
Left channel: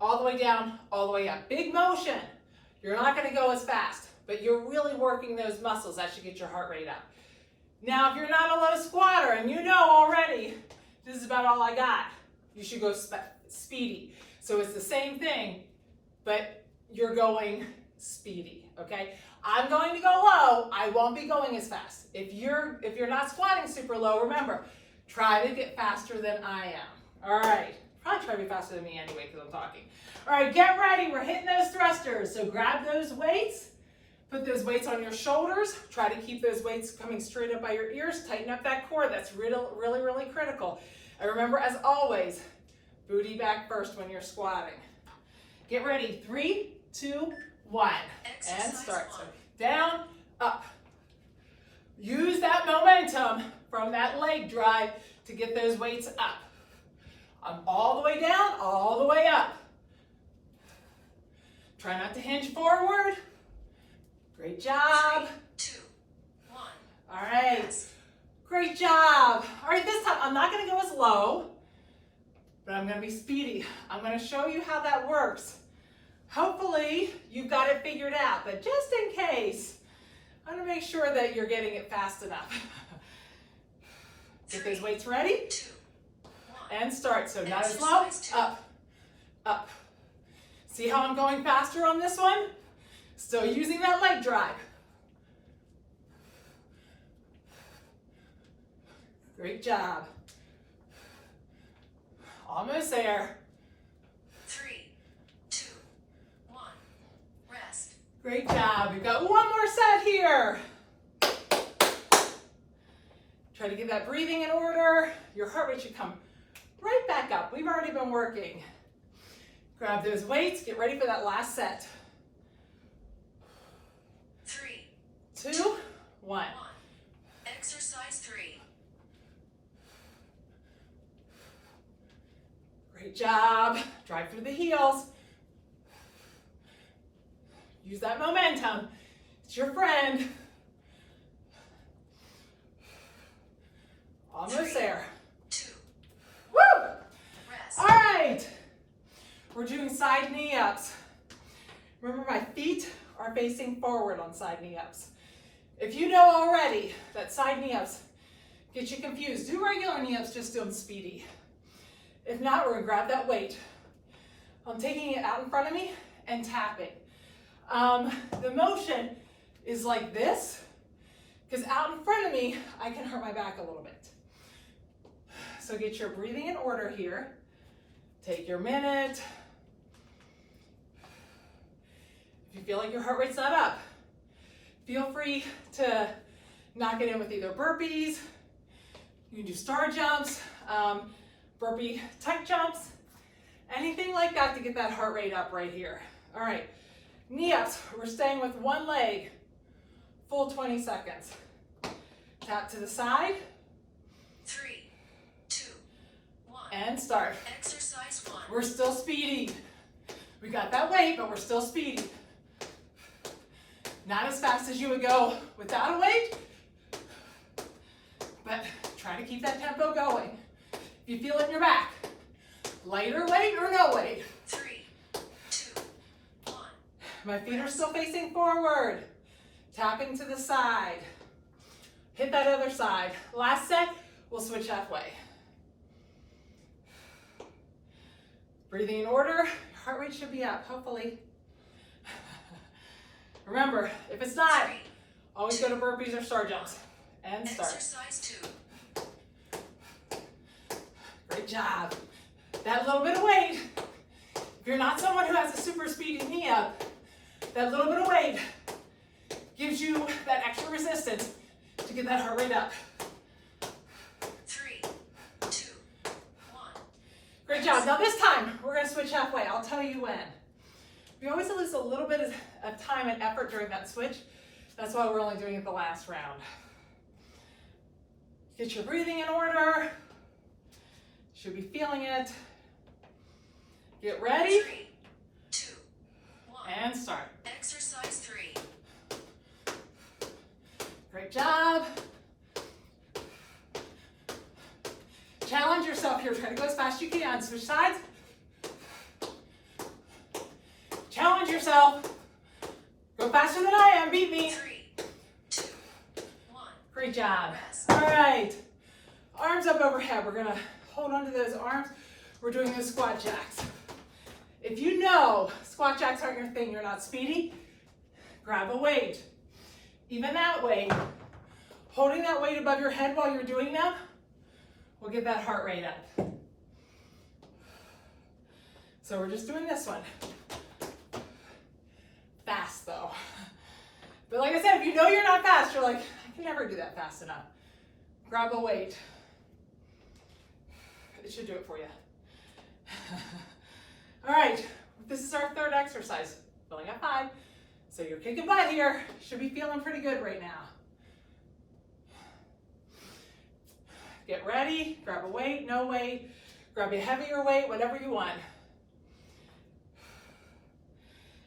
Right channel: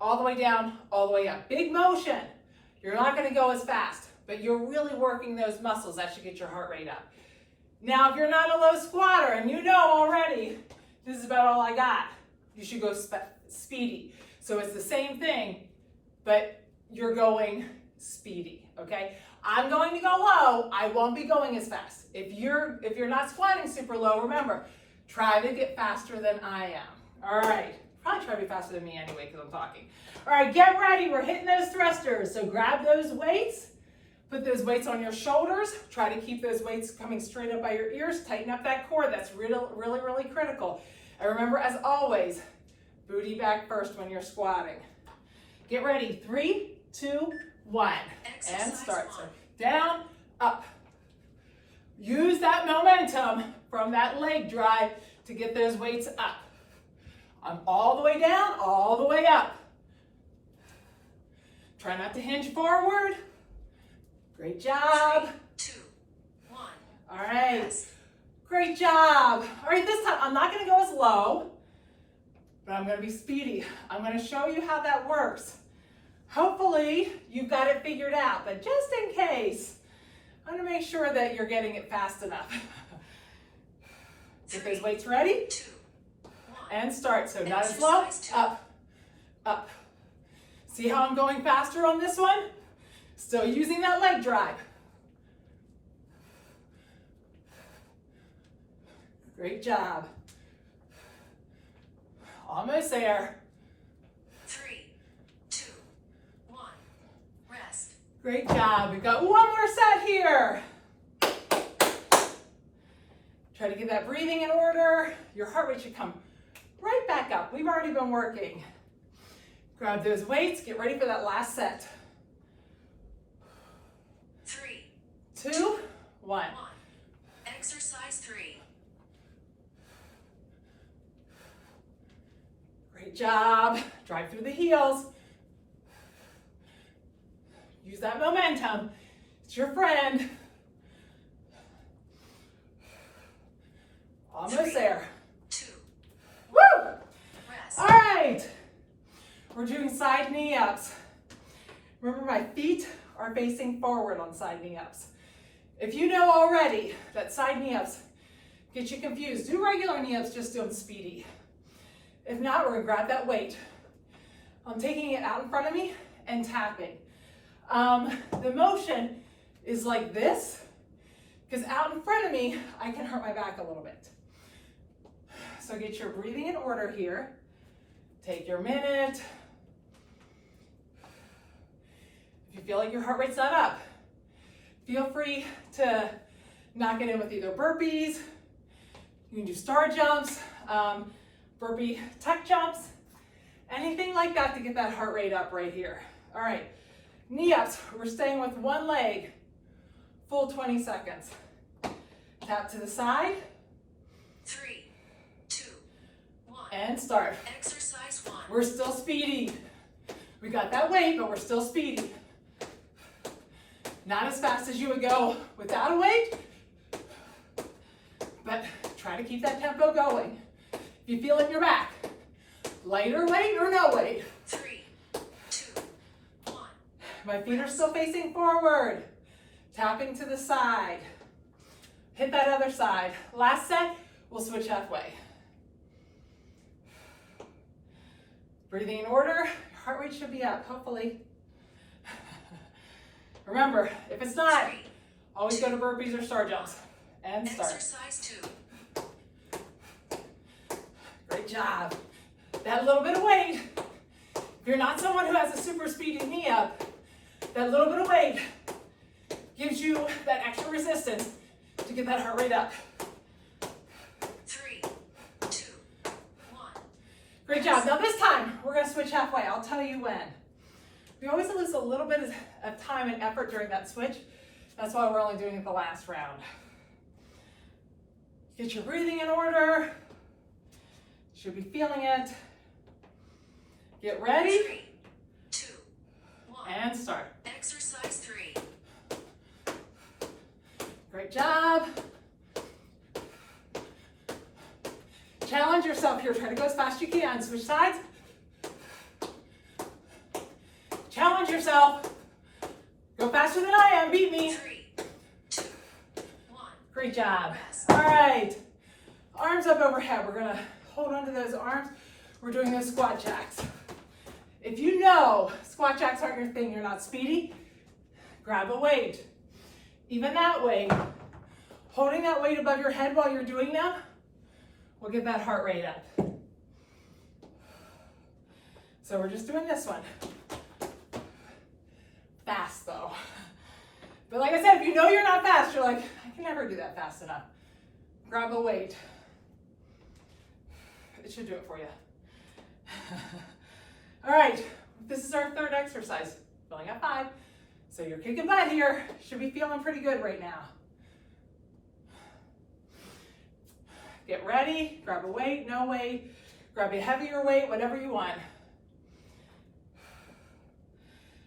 All the way down, all the way up. Big motion. You're not gonna go as fast, but you're really working those muscles. That should get your heart rate up. Now, if you're not a low squatter and you know already, this is about all I got, you should go speedy. So it's the same thing, but you're going speedy, okay? I'm going to go low. I won't be going as fast. If you're not squatting super low, remember, try to get faster than I am. All right. Probably try to be faster than me anyway because I'm talking. All right, get ready. We're hitting those thrusters. So grab those weights. Put those weights on your shoulders. Try to keep those weights coming straight up by your ears. Tighten up that core. That's really, really critical. And remember, as always, booty back first when you're squatting. Get ready. 3, 2, 1. And start. So down, up. Use that momentum from that leg drive to get those weights up. I'm all the way down, all the way up. Try not to hinge forward. Great job. 3, 2, 1. All right. Great job. All right, this time I'm not going to go as low, but I'm going to be speedy. I'm going to show you how that works. Hopefully you've got it figured out, but just in case, I'm going to make sure that you're getting it fast enough. Get those weights ready. 2, 1. And start. So not as low, up, up. See how I'm going faster on this one? Still using that leg drive. Great job. Almost there. 3, 2, 1. Rest. Great job. We've got one more set here. Try to get that breathing in order. Your heart rate should come right back up. We've already been working. Grab those weights. Get ready for that last set. 3, 2, 1. Exercise 3. Great job. Drive through the heels. Use that momentum. It's your friend. Almost there. 2. Woo! Rest. All right. We're doing side knee ups. Remember, my feet are facing forward on side knee ups. If you know already that side knee ups get you confused, do regular knee ups, just do them speedy. If not, we're gonna grab that weight. I'm taking it out in front of me and tapping. The motion is like this, because out in front of me, I can hurt my back a little bit. So get your breathing in order here. Take your minute. If you feel like your heart rate's not up, feel free to knock it in with either burpees, you can do star jumps, burpee tuck jumps, anything like that to get that heart rate up right here. All right, knee ups, we're staying with one leg, full 20 seconds. Tap to the side. 3, 2, 1. And start. Exercise 1. We're still speedy. We got that weight, but we're still speedy. Not as fast as you would go without a weight, but try to keep that tempo going. If you feel it in your back, lighter weight or no weight. 3, 2, 1. My feet are still facing forward. Tapping to the side. Hit that other side. Last set, we'll switch halfway. Breathing in order. Your heart rate should be up, hopefully. Remember, if it's not, 3, always go to burpees or star jumps. And start. Exercise 2. Great job. That little bit of weight, if you're not someone who has a super speedy knee up, that little bit of weight gives you that extra resistance to get that heart rate up. 3, 2, 1. Great job. Now this time, we're gonna switch halfway. I'll tell you when. We always lose a little bit of time and effort during that switch. That's why we're only doing it the last round. Get your breathing in order. Should be feeling it. Get ready. 3, 2, 1. And start. Exercise 3. Great job. up here. Try to go as fast as you can. Switch sides. Challenge yourself. Go faster than I am. Beat me. 3, 2, 1. Great job. Rest. All right. Arms up overhead. We're going to hold onto those arms. We're doing those squat jacks. If you know squat jacks aren't your thing, you're not speedy, grab a weight. Even that weight, holding that weight above your head while you're doing them will get that heart rate up. So we're just doing this one. Fast though. But like I said, if you know you're not fast, you're like, I can never do that fast enough. Grab a weight. It should do it for you. All right, this is our third exercise. We only got 5. So you're kicking butt here. Should be feeling pretty good right now. Get ready, grab a weight, no weight, grab a heavier weight, whatever you want.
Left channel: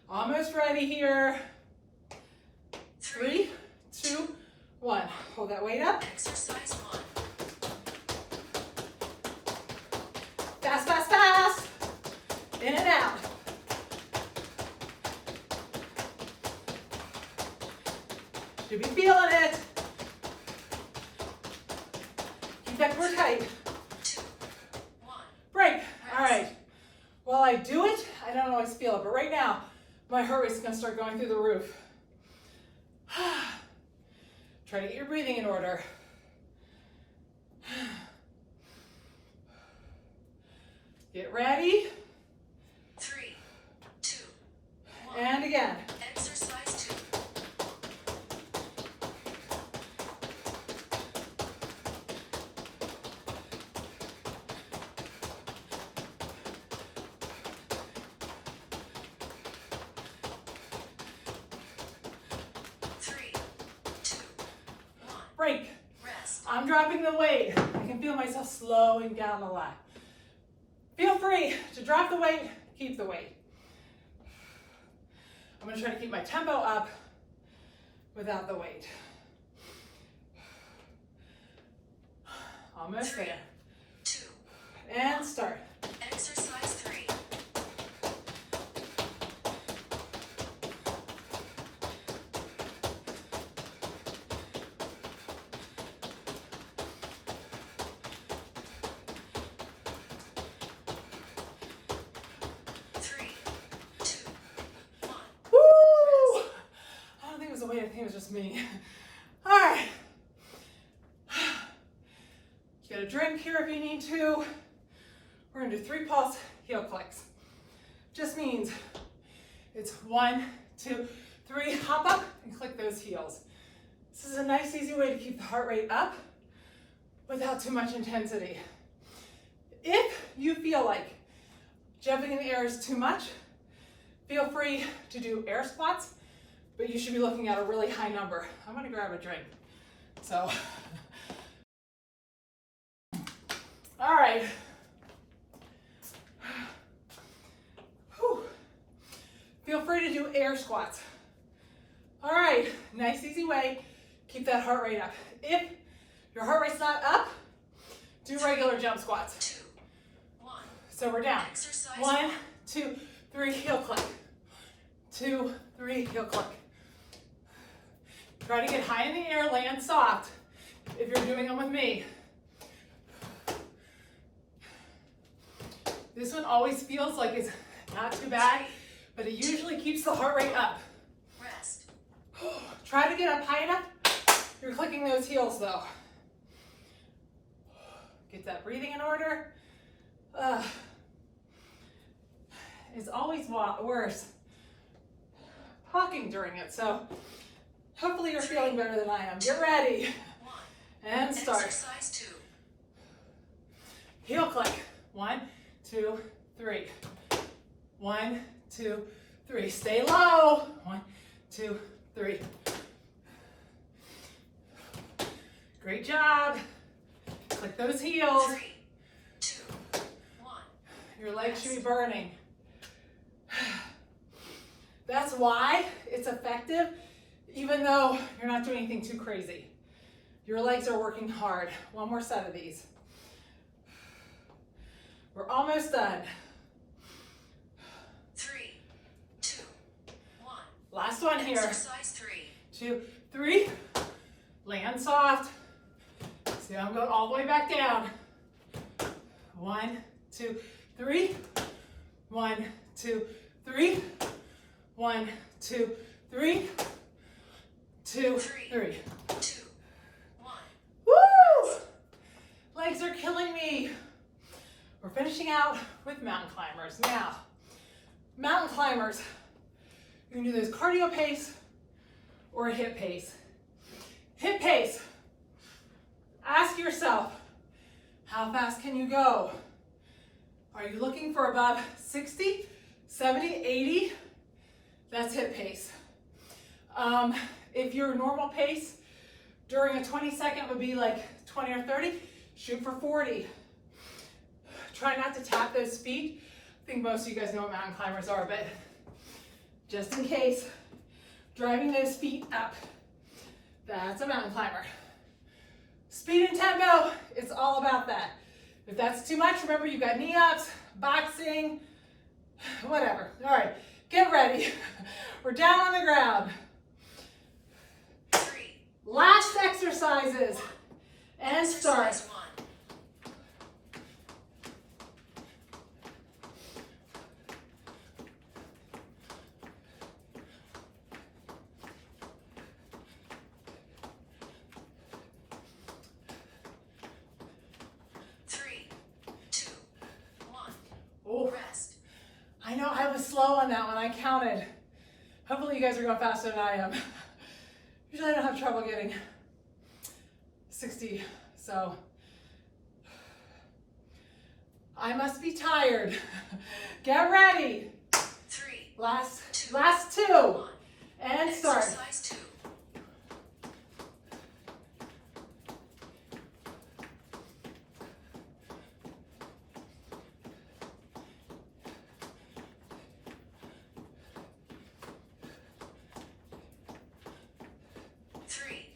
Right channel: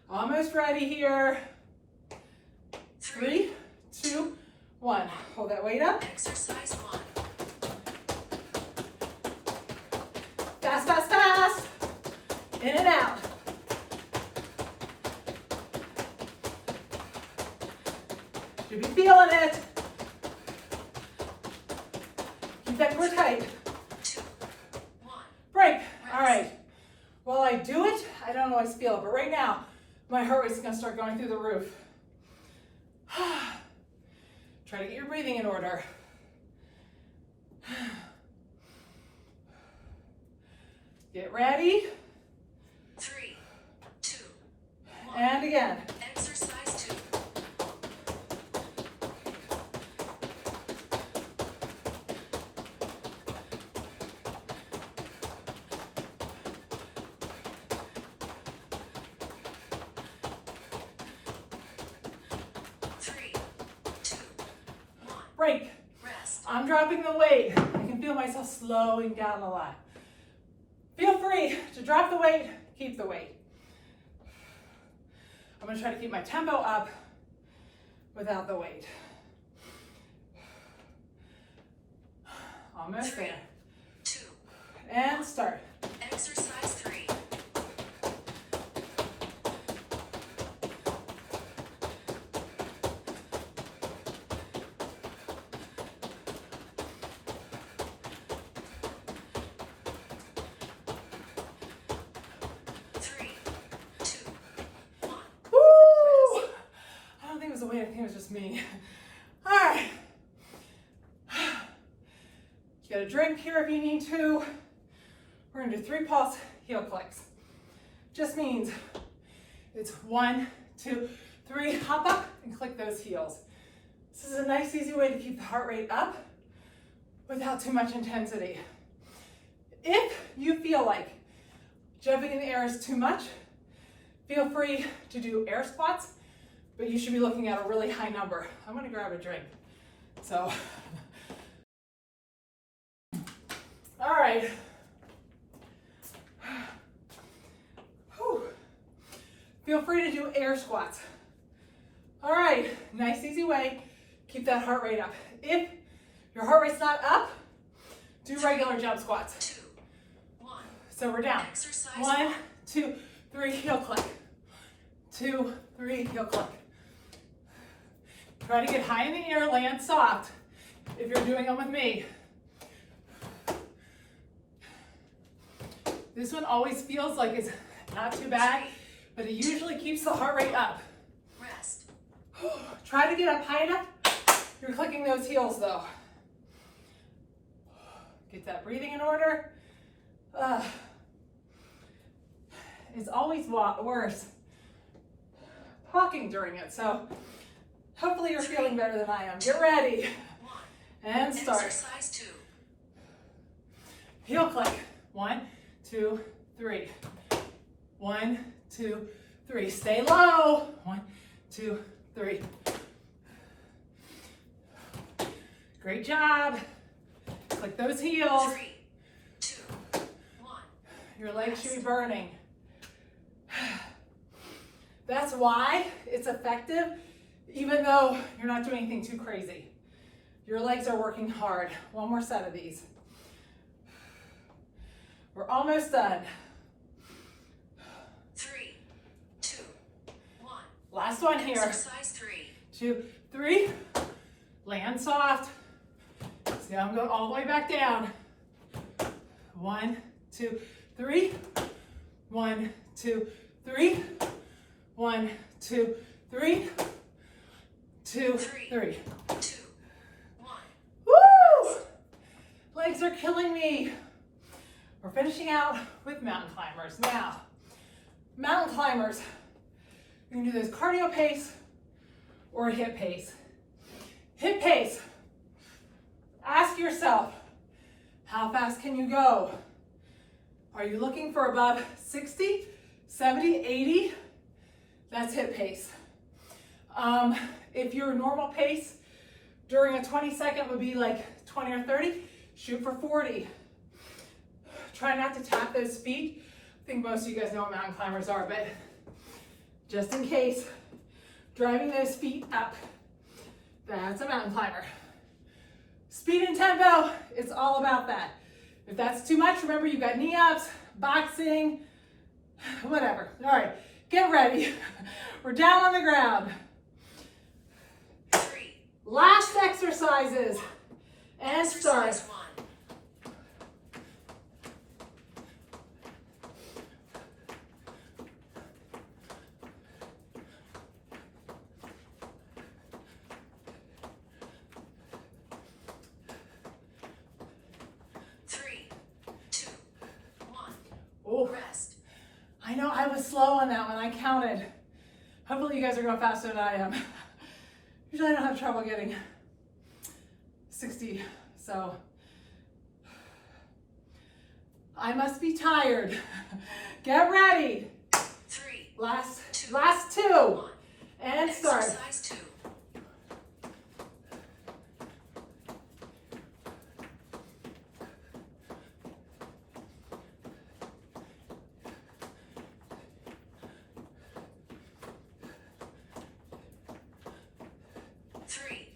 Almost ready here. 3, 2, 1. Hold that weight up. Exercise 1. Fast, fast, fast. In and out. Should be feeling it. Keep that core tight. 2, 1. Break. All right. While I do it, I don't always feel it, but right now, my heart rate's gonna start going through the roof. Try to get your breathing in order. Get ready. 3, 2, 1. And again. Exercise 2. Break. Rest. I'm dropping the weight. I can feel myself slowing down a lot. Feel free to drop the weight, keep the weight. I'm going to try to keep my tempo up without the weight. Almost 3, there. 2. And start. Exercise 3. 3, 2, 1. Woo! I don't think it was the weight, I think it was just me. All right. You got a drink here if you need to. We're gonna do 3 pulse heel clicks. Just means it's 1, 2, 3, hop up and click those heels. This is a nice, easy way to keep the heart rate up without too much intensity. If you feel like jumping in the air is too much, feel free to do air squats, but you should be looking at a really high number. I'm gonna grab a drink. So, all right. Whew. Feel free to do air squats. All right, nice easy way, keep that heart rate up. If your heart rate's not up, do regular jump squats. 2, 1. So we're down. Exercise 1, 2, 3, heel click. 2, 3, heel click. Try to get high in the air, land soft if you're doing them with me. This one always feels like it's not too bad, but it usually keeps the heart rate up. Rest. Try to get up high enough. You're clicking those heels though. Get that breathing in order. It's always worse talking during it, so hopefully you're feeling better than I am. Get ready 1. and start. Exercise 2. Heel click. 1, 2, 3. 1, 2, 3. Stay low. 1, 2, 3. Great job. Click those heels. 3, 2, 1. Your legs should be burning. That's why it's effective, even though you're not doing anything too crazy. Your legs are working hard. One more set of these. We're almost done. 3, 2, 1. Last one here. Exercise 3. 2, 3. Land soft. See, I'm going all the way back down. 1, 2, 3. 1, 2, 3. 1, 2, 3. 2, 3. 2, 1. Woo! Legs are killing me. We're finishing out with mountain climbers. Now, mountain climbers, you're gonna do this cardio pace or a HIIT pace. HIIT pace. Ask yourself, how fast can you go? Are you looking for above 60, 70, 80? That's HIIT pace. If your normal pace during a 20-second would be like 20 or 30, shoot for 40. Try not to tap those feet. I think most of you guys know what mountain climbers are, but just in case, driving those feet up, that's a mountain climber. Speed and tempo, it's all about that. If that's too much, remember you've got knee ups, boxing, whatever. All right, get ready. We're down on the ground. 3. Last exercises. And start. Exercise 1. 3, 2, 1. Oh, Rest. I know I was slow on that one. I counted. Hopefully you guys are going faster than I am. Usually I don't have trouble getting 60, so I must be tired. Get ready. 3, Last 2, 2. And start. Exercise 2. 3,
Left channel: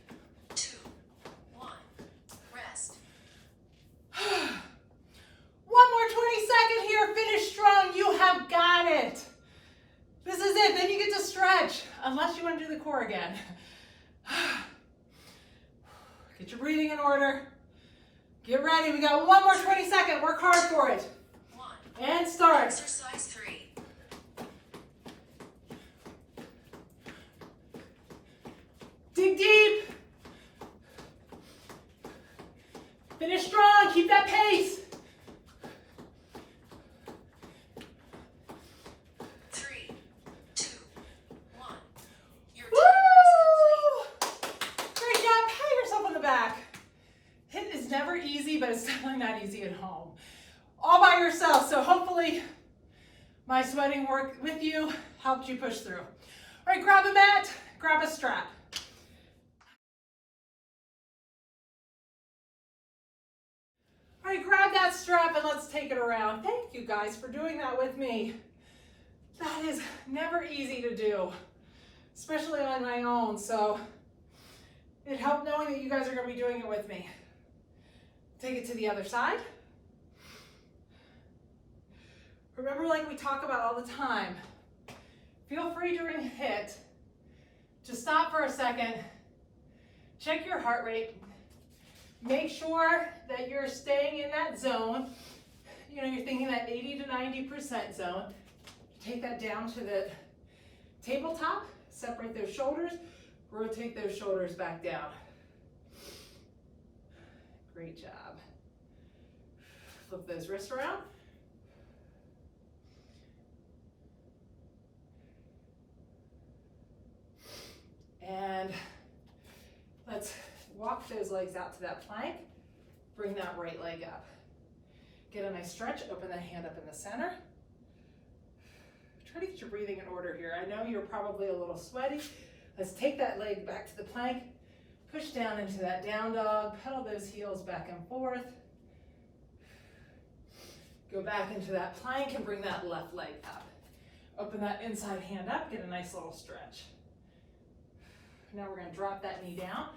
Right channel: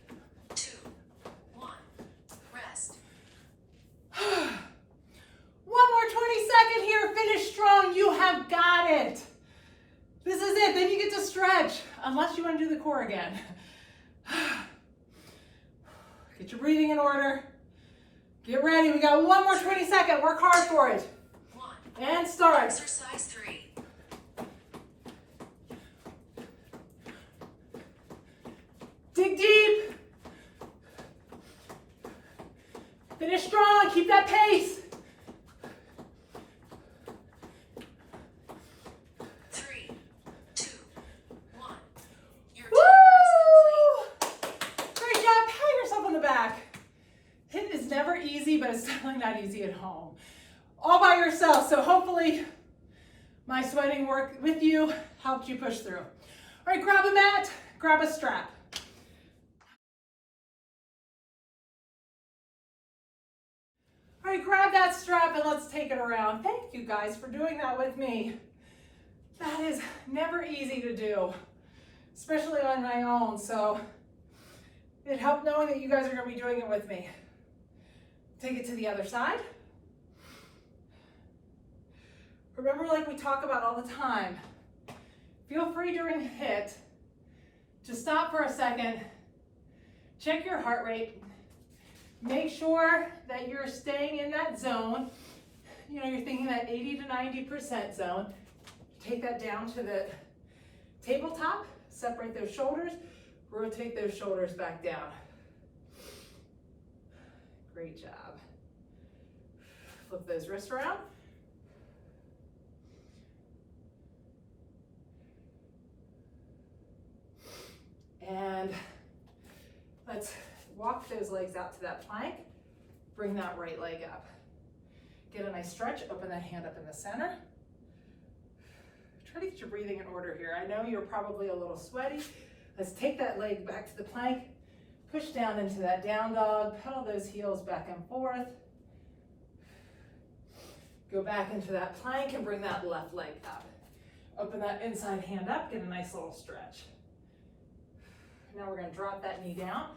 2, 1. Rest. One more 20-second here. Finish strong. You have got it. This is it. Then you get to stretch, unless you want to do the core again. Get your breathing in order. Get ready. We got one more 20-second. Work hard for it. 1. And start. Exercise 3. Dig deep. Finish strong. Keep that pace. 3, 2, 1. Your Woo! time is complete. Great job. Pat yourself on the back. HIIT is never easy, but it's definitely not easy at home. All by yourself. So hopefully my sweating work with you helped you push through. All right, grab a mat, grab a strap. All right, grab that strap and let's take it around. Thank you guys for doing that with me. That is never easy to do, especially on my own. So it helped knowing that you guys are going to be doing it with me. Take it to the other side. Remember, like we talk about all the time, feel free during HIIT to stop for a second, check your heart rate, make sure that you're staying in that zone. You know, you're thinking that 80 to 90% zone. Take that down to the tabletop, separate those shoulders, rotate those shoulders back down. Great job. Flip those wrists around. And let's walk those legs out to that plank. Bring that right leg up. Get a nice stretch, open that hand up in the center. Try to get your breathing in order here. I know you're probably a little sweaty. Let's take that leg back to the plank, push down into that down dog, pedal those heels back and forth. Go back into that plank and bring that left leg up. Open that inside hand up, get a nice little stretch. Now we're gonna drop that knee down,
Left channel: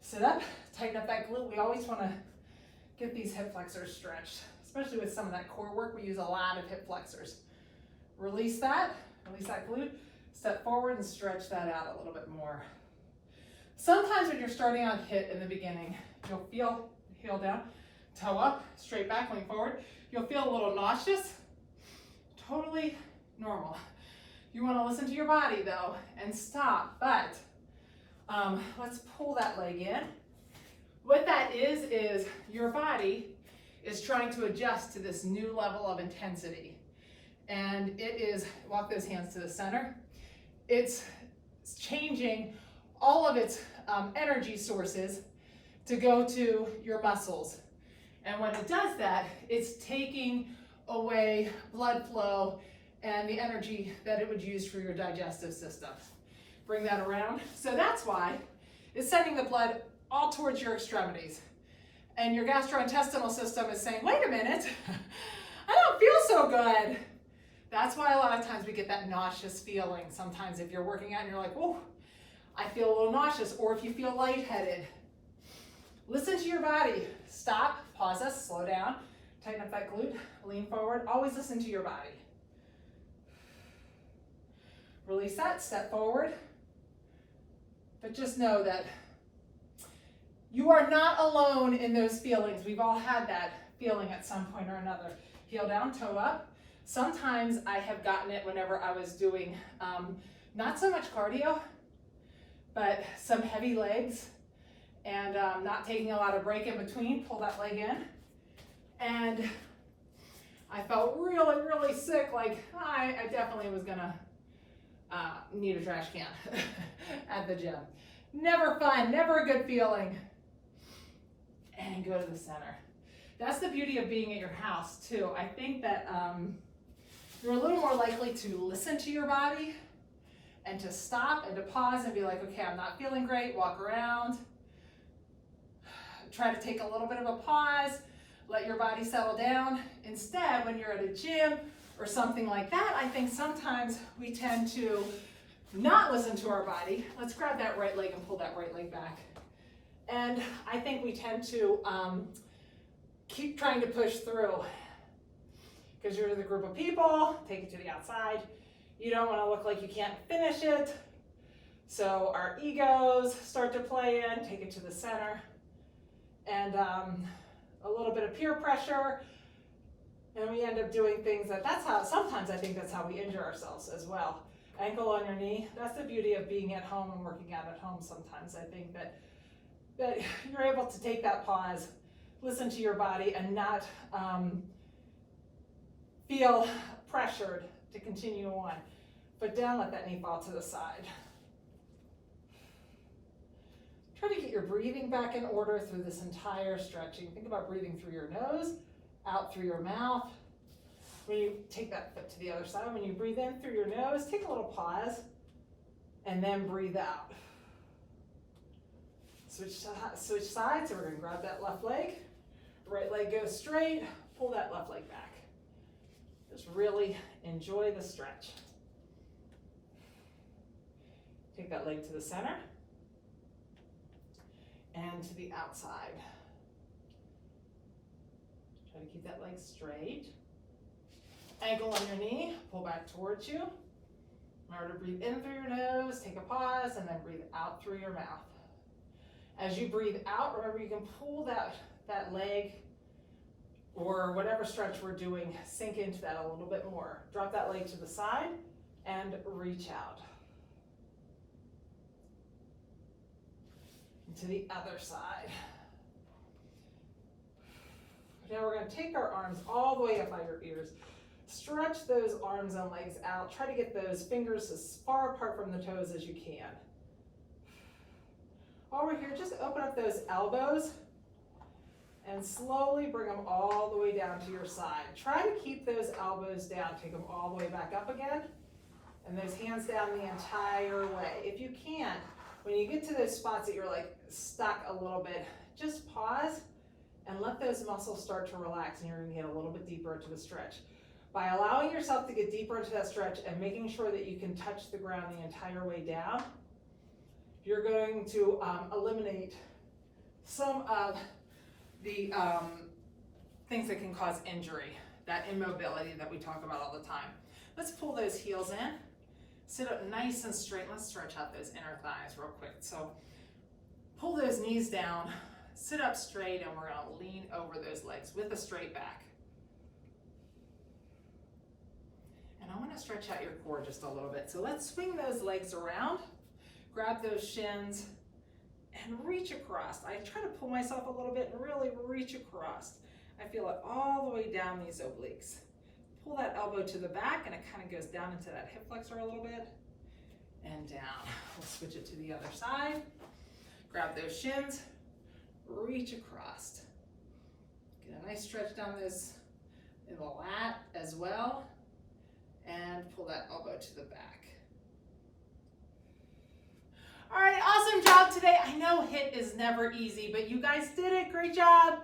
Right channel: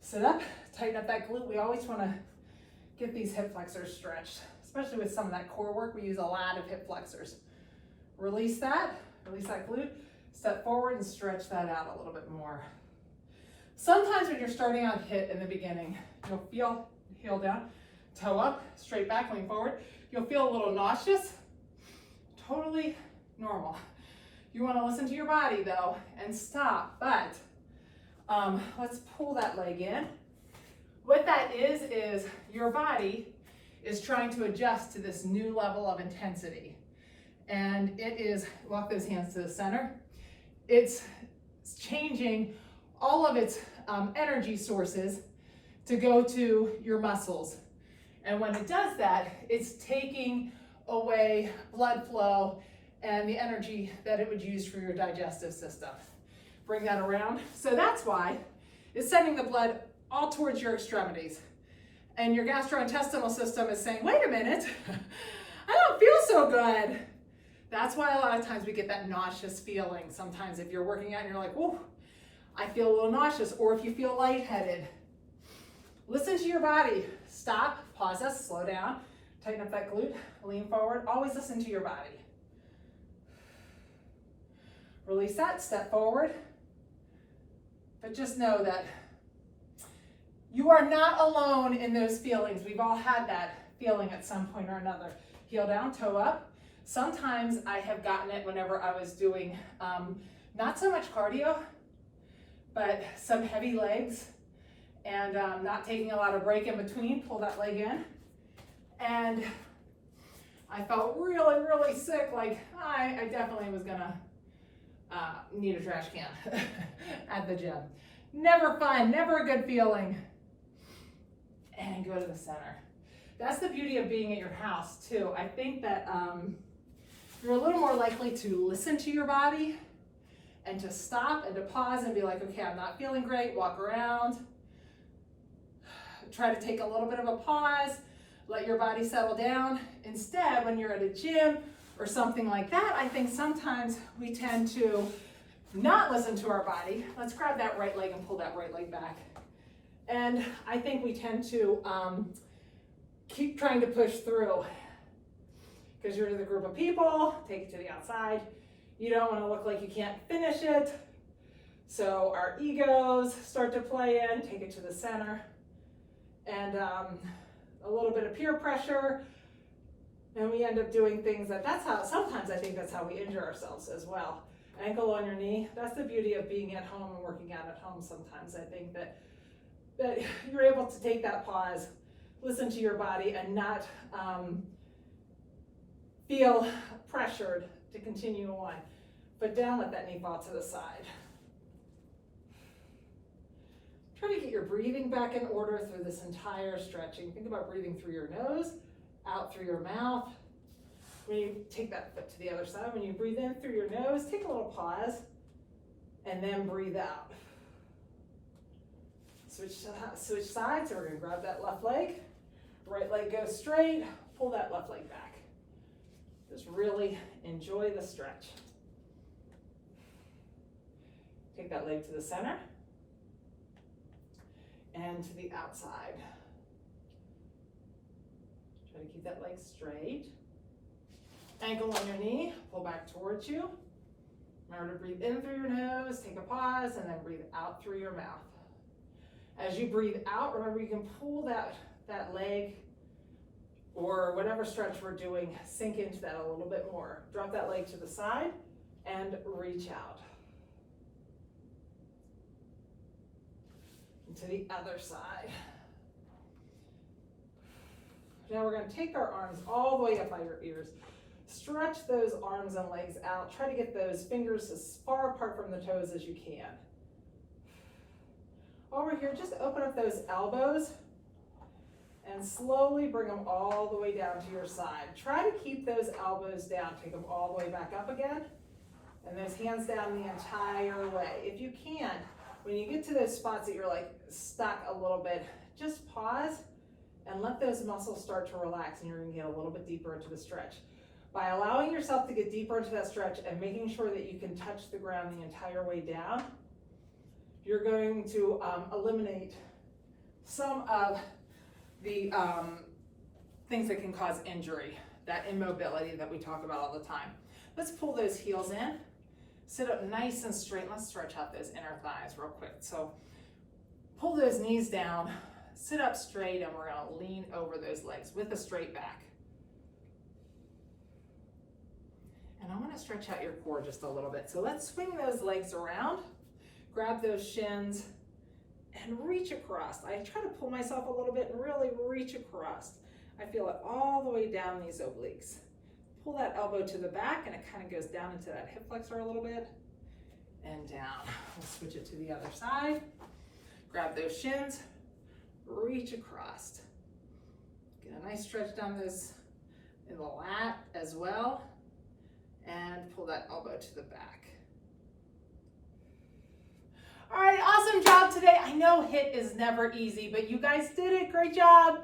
sit up, tighten up that glute. We always wanna get these hip flexors stretched, especially with some of that core work, we use a lot of hip flexors. Release that glute, step forward and stretch that out a little bit more. Sometimes when you're starting on HIIT in the beginning, you'll feel heel down, toe up, straight back, lean forward. You'll feel a little nauseous, totally normal. You want to listen to your body though and stop, but let's pull that leg in. What that is your body is trying to adjust to this new level of intensity. And it is, walk those hands to the center. It's changing all of its energy sources to go to your muscles. And when it does that, it's taking away blood flow and the energy that it would use for your digestive system. Bring that around. So that's why it's sending the blood all towards your extremities. And your gastrointestinal system is saying, wait a minute, I don't feel so good. That's why a lot of times we get that nauseous feeling. Sometimes if you're working out and you're like, whoa, I feel a little nauseous, or if you feel lightheaded. Listen to your body. Stop, pause us, slow down, tighten up that glute, lean forward. Always listen to your body. Release that, step forward. But just know that you are not alone in those feelings. We've all had that feeling at some point or another. Heel down, toe up. Sometimes I have gotten it whenever I was doing not so much cardio, but some heavy legs and not taking a lot of break in between. Pull that leg in. And I felt really, really sick. Like I definitely was gonna need a trash can at the gym. Never fun, never a good feeling. And go to the center. That's the beauty of being at your house too. I think that you're a little more likely to listen to your body and to stop and to pause and be like, okay, I'm not feeling great, walk around. Try to take a little bit of a pause, let your body settle down. Instead, when you're at a gym or something like that, I think sometimes we tend to not listen to our body. Let's grab that right leg and pull that right leg back. And I think we tend to keep trying to push through because you're with a group of people, take it to the outside. You don't want to look like you can't finish it. So our egos start to play in, take it to the center. And a little bit of peer pressure. And we end up doing things that's how, sometimes I think that's how we injure ourselves as well. Ankle on your knee. That's the beauty of being at home and working out at home sometimes. I think that you're able to take that pause, listen to your body, and not feel pressured to continue on. Put down, let that knee fall to the side. Try to get your breathing back in order through this entire stretching. Think about breathing through your nose, out through your mouth. When you take that foot to the other side, when you breathe in through your nose, take a little pause, and then breathe out. Switch sides, so we're gonna grab that left leg, right leg goes straight, pull that left leg back. Just really enjoy the stretch. Take that leg to the center and to the outside. Try to keep that leg straight. Ankle on your knee, pull back towards you. Remember to breathe in through your nose, take a pause, and then breathe out through your mouth. As you breathe out, remember you can pull that leg or whatever stretch we're doing, sink into that a little bit more. Drop that leg to the side and reach out. And to the other side. Now we're going to take our arms all the way up by your ears. Stretch those arms and legs out. Try to get those fingers as far apart from the toes as you can. While we're here, just open up those elbows and slowly bring them all the way down to your side. Try to keep those elbows down. Take them all the way back up again. And those hands down the entire way. If you can, when you get to those spots that you're like stuck a little bit, just pause and let those muscles start to relax, and you're going to get a little bit deeper into the stretch. By allowing yourself to get deeper into that stretch and making sure that you can touch the ground the entire way down, you're going to eliminate some of the things that can cause injury, that immobility that we talk about all the time. Let's pull those heels in. Sit up nice and straight. Let's stretch out those inner thighs real quick. So pull those knees down, sit up straight, and we're gonna lean over those legs with a straight back. And I wanna stretch out your core just a little bit. So let's swing those legs around, grab those shins, and reach across. I try to pull myself a little bit and really reach across. I feel it all the way down these obliques. Pull that elbow to the back and it kind of goes down into that hip flexor a little bit and down. We'll switch it to the other side. Grab those shins, reach across. Get a nice stretch down those in the lat as well, and pull that elbow to the back. All right, awesome job today. I know HIIT is never easy, but you guys did it. Great job.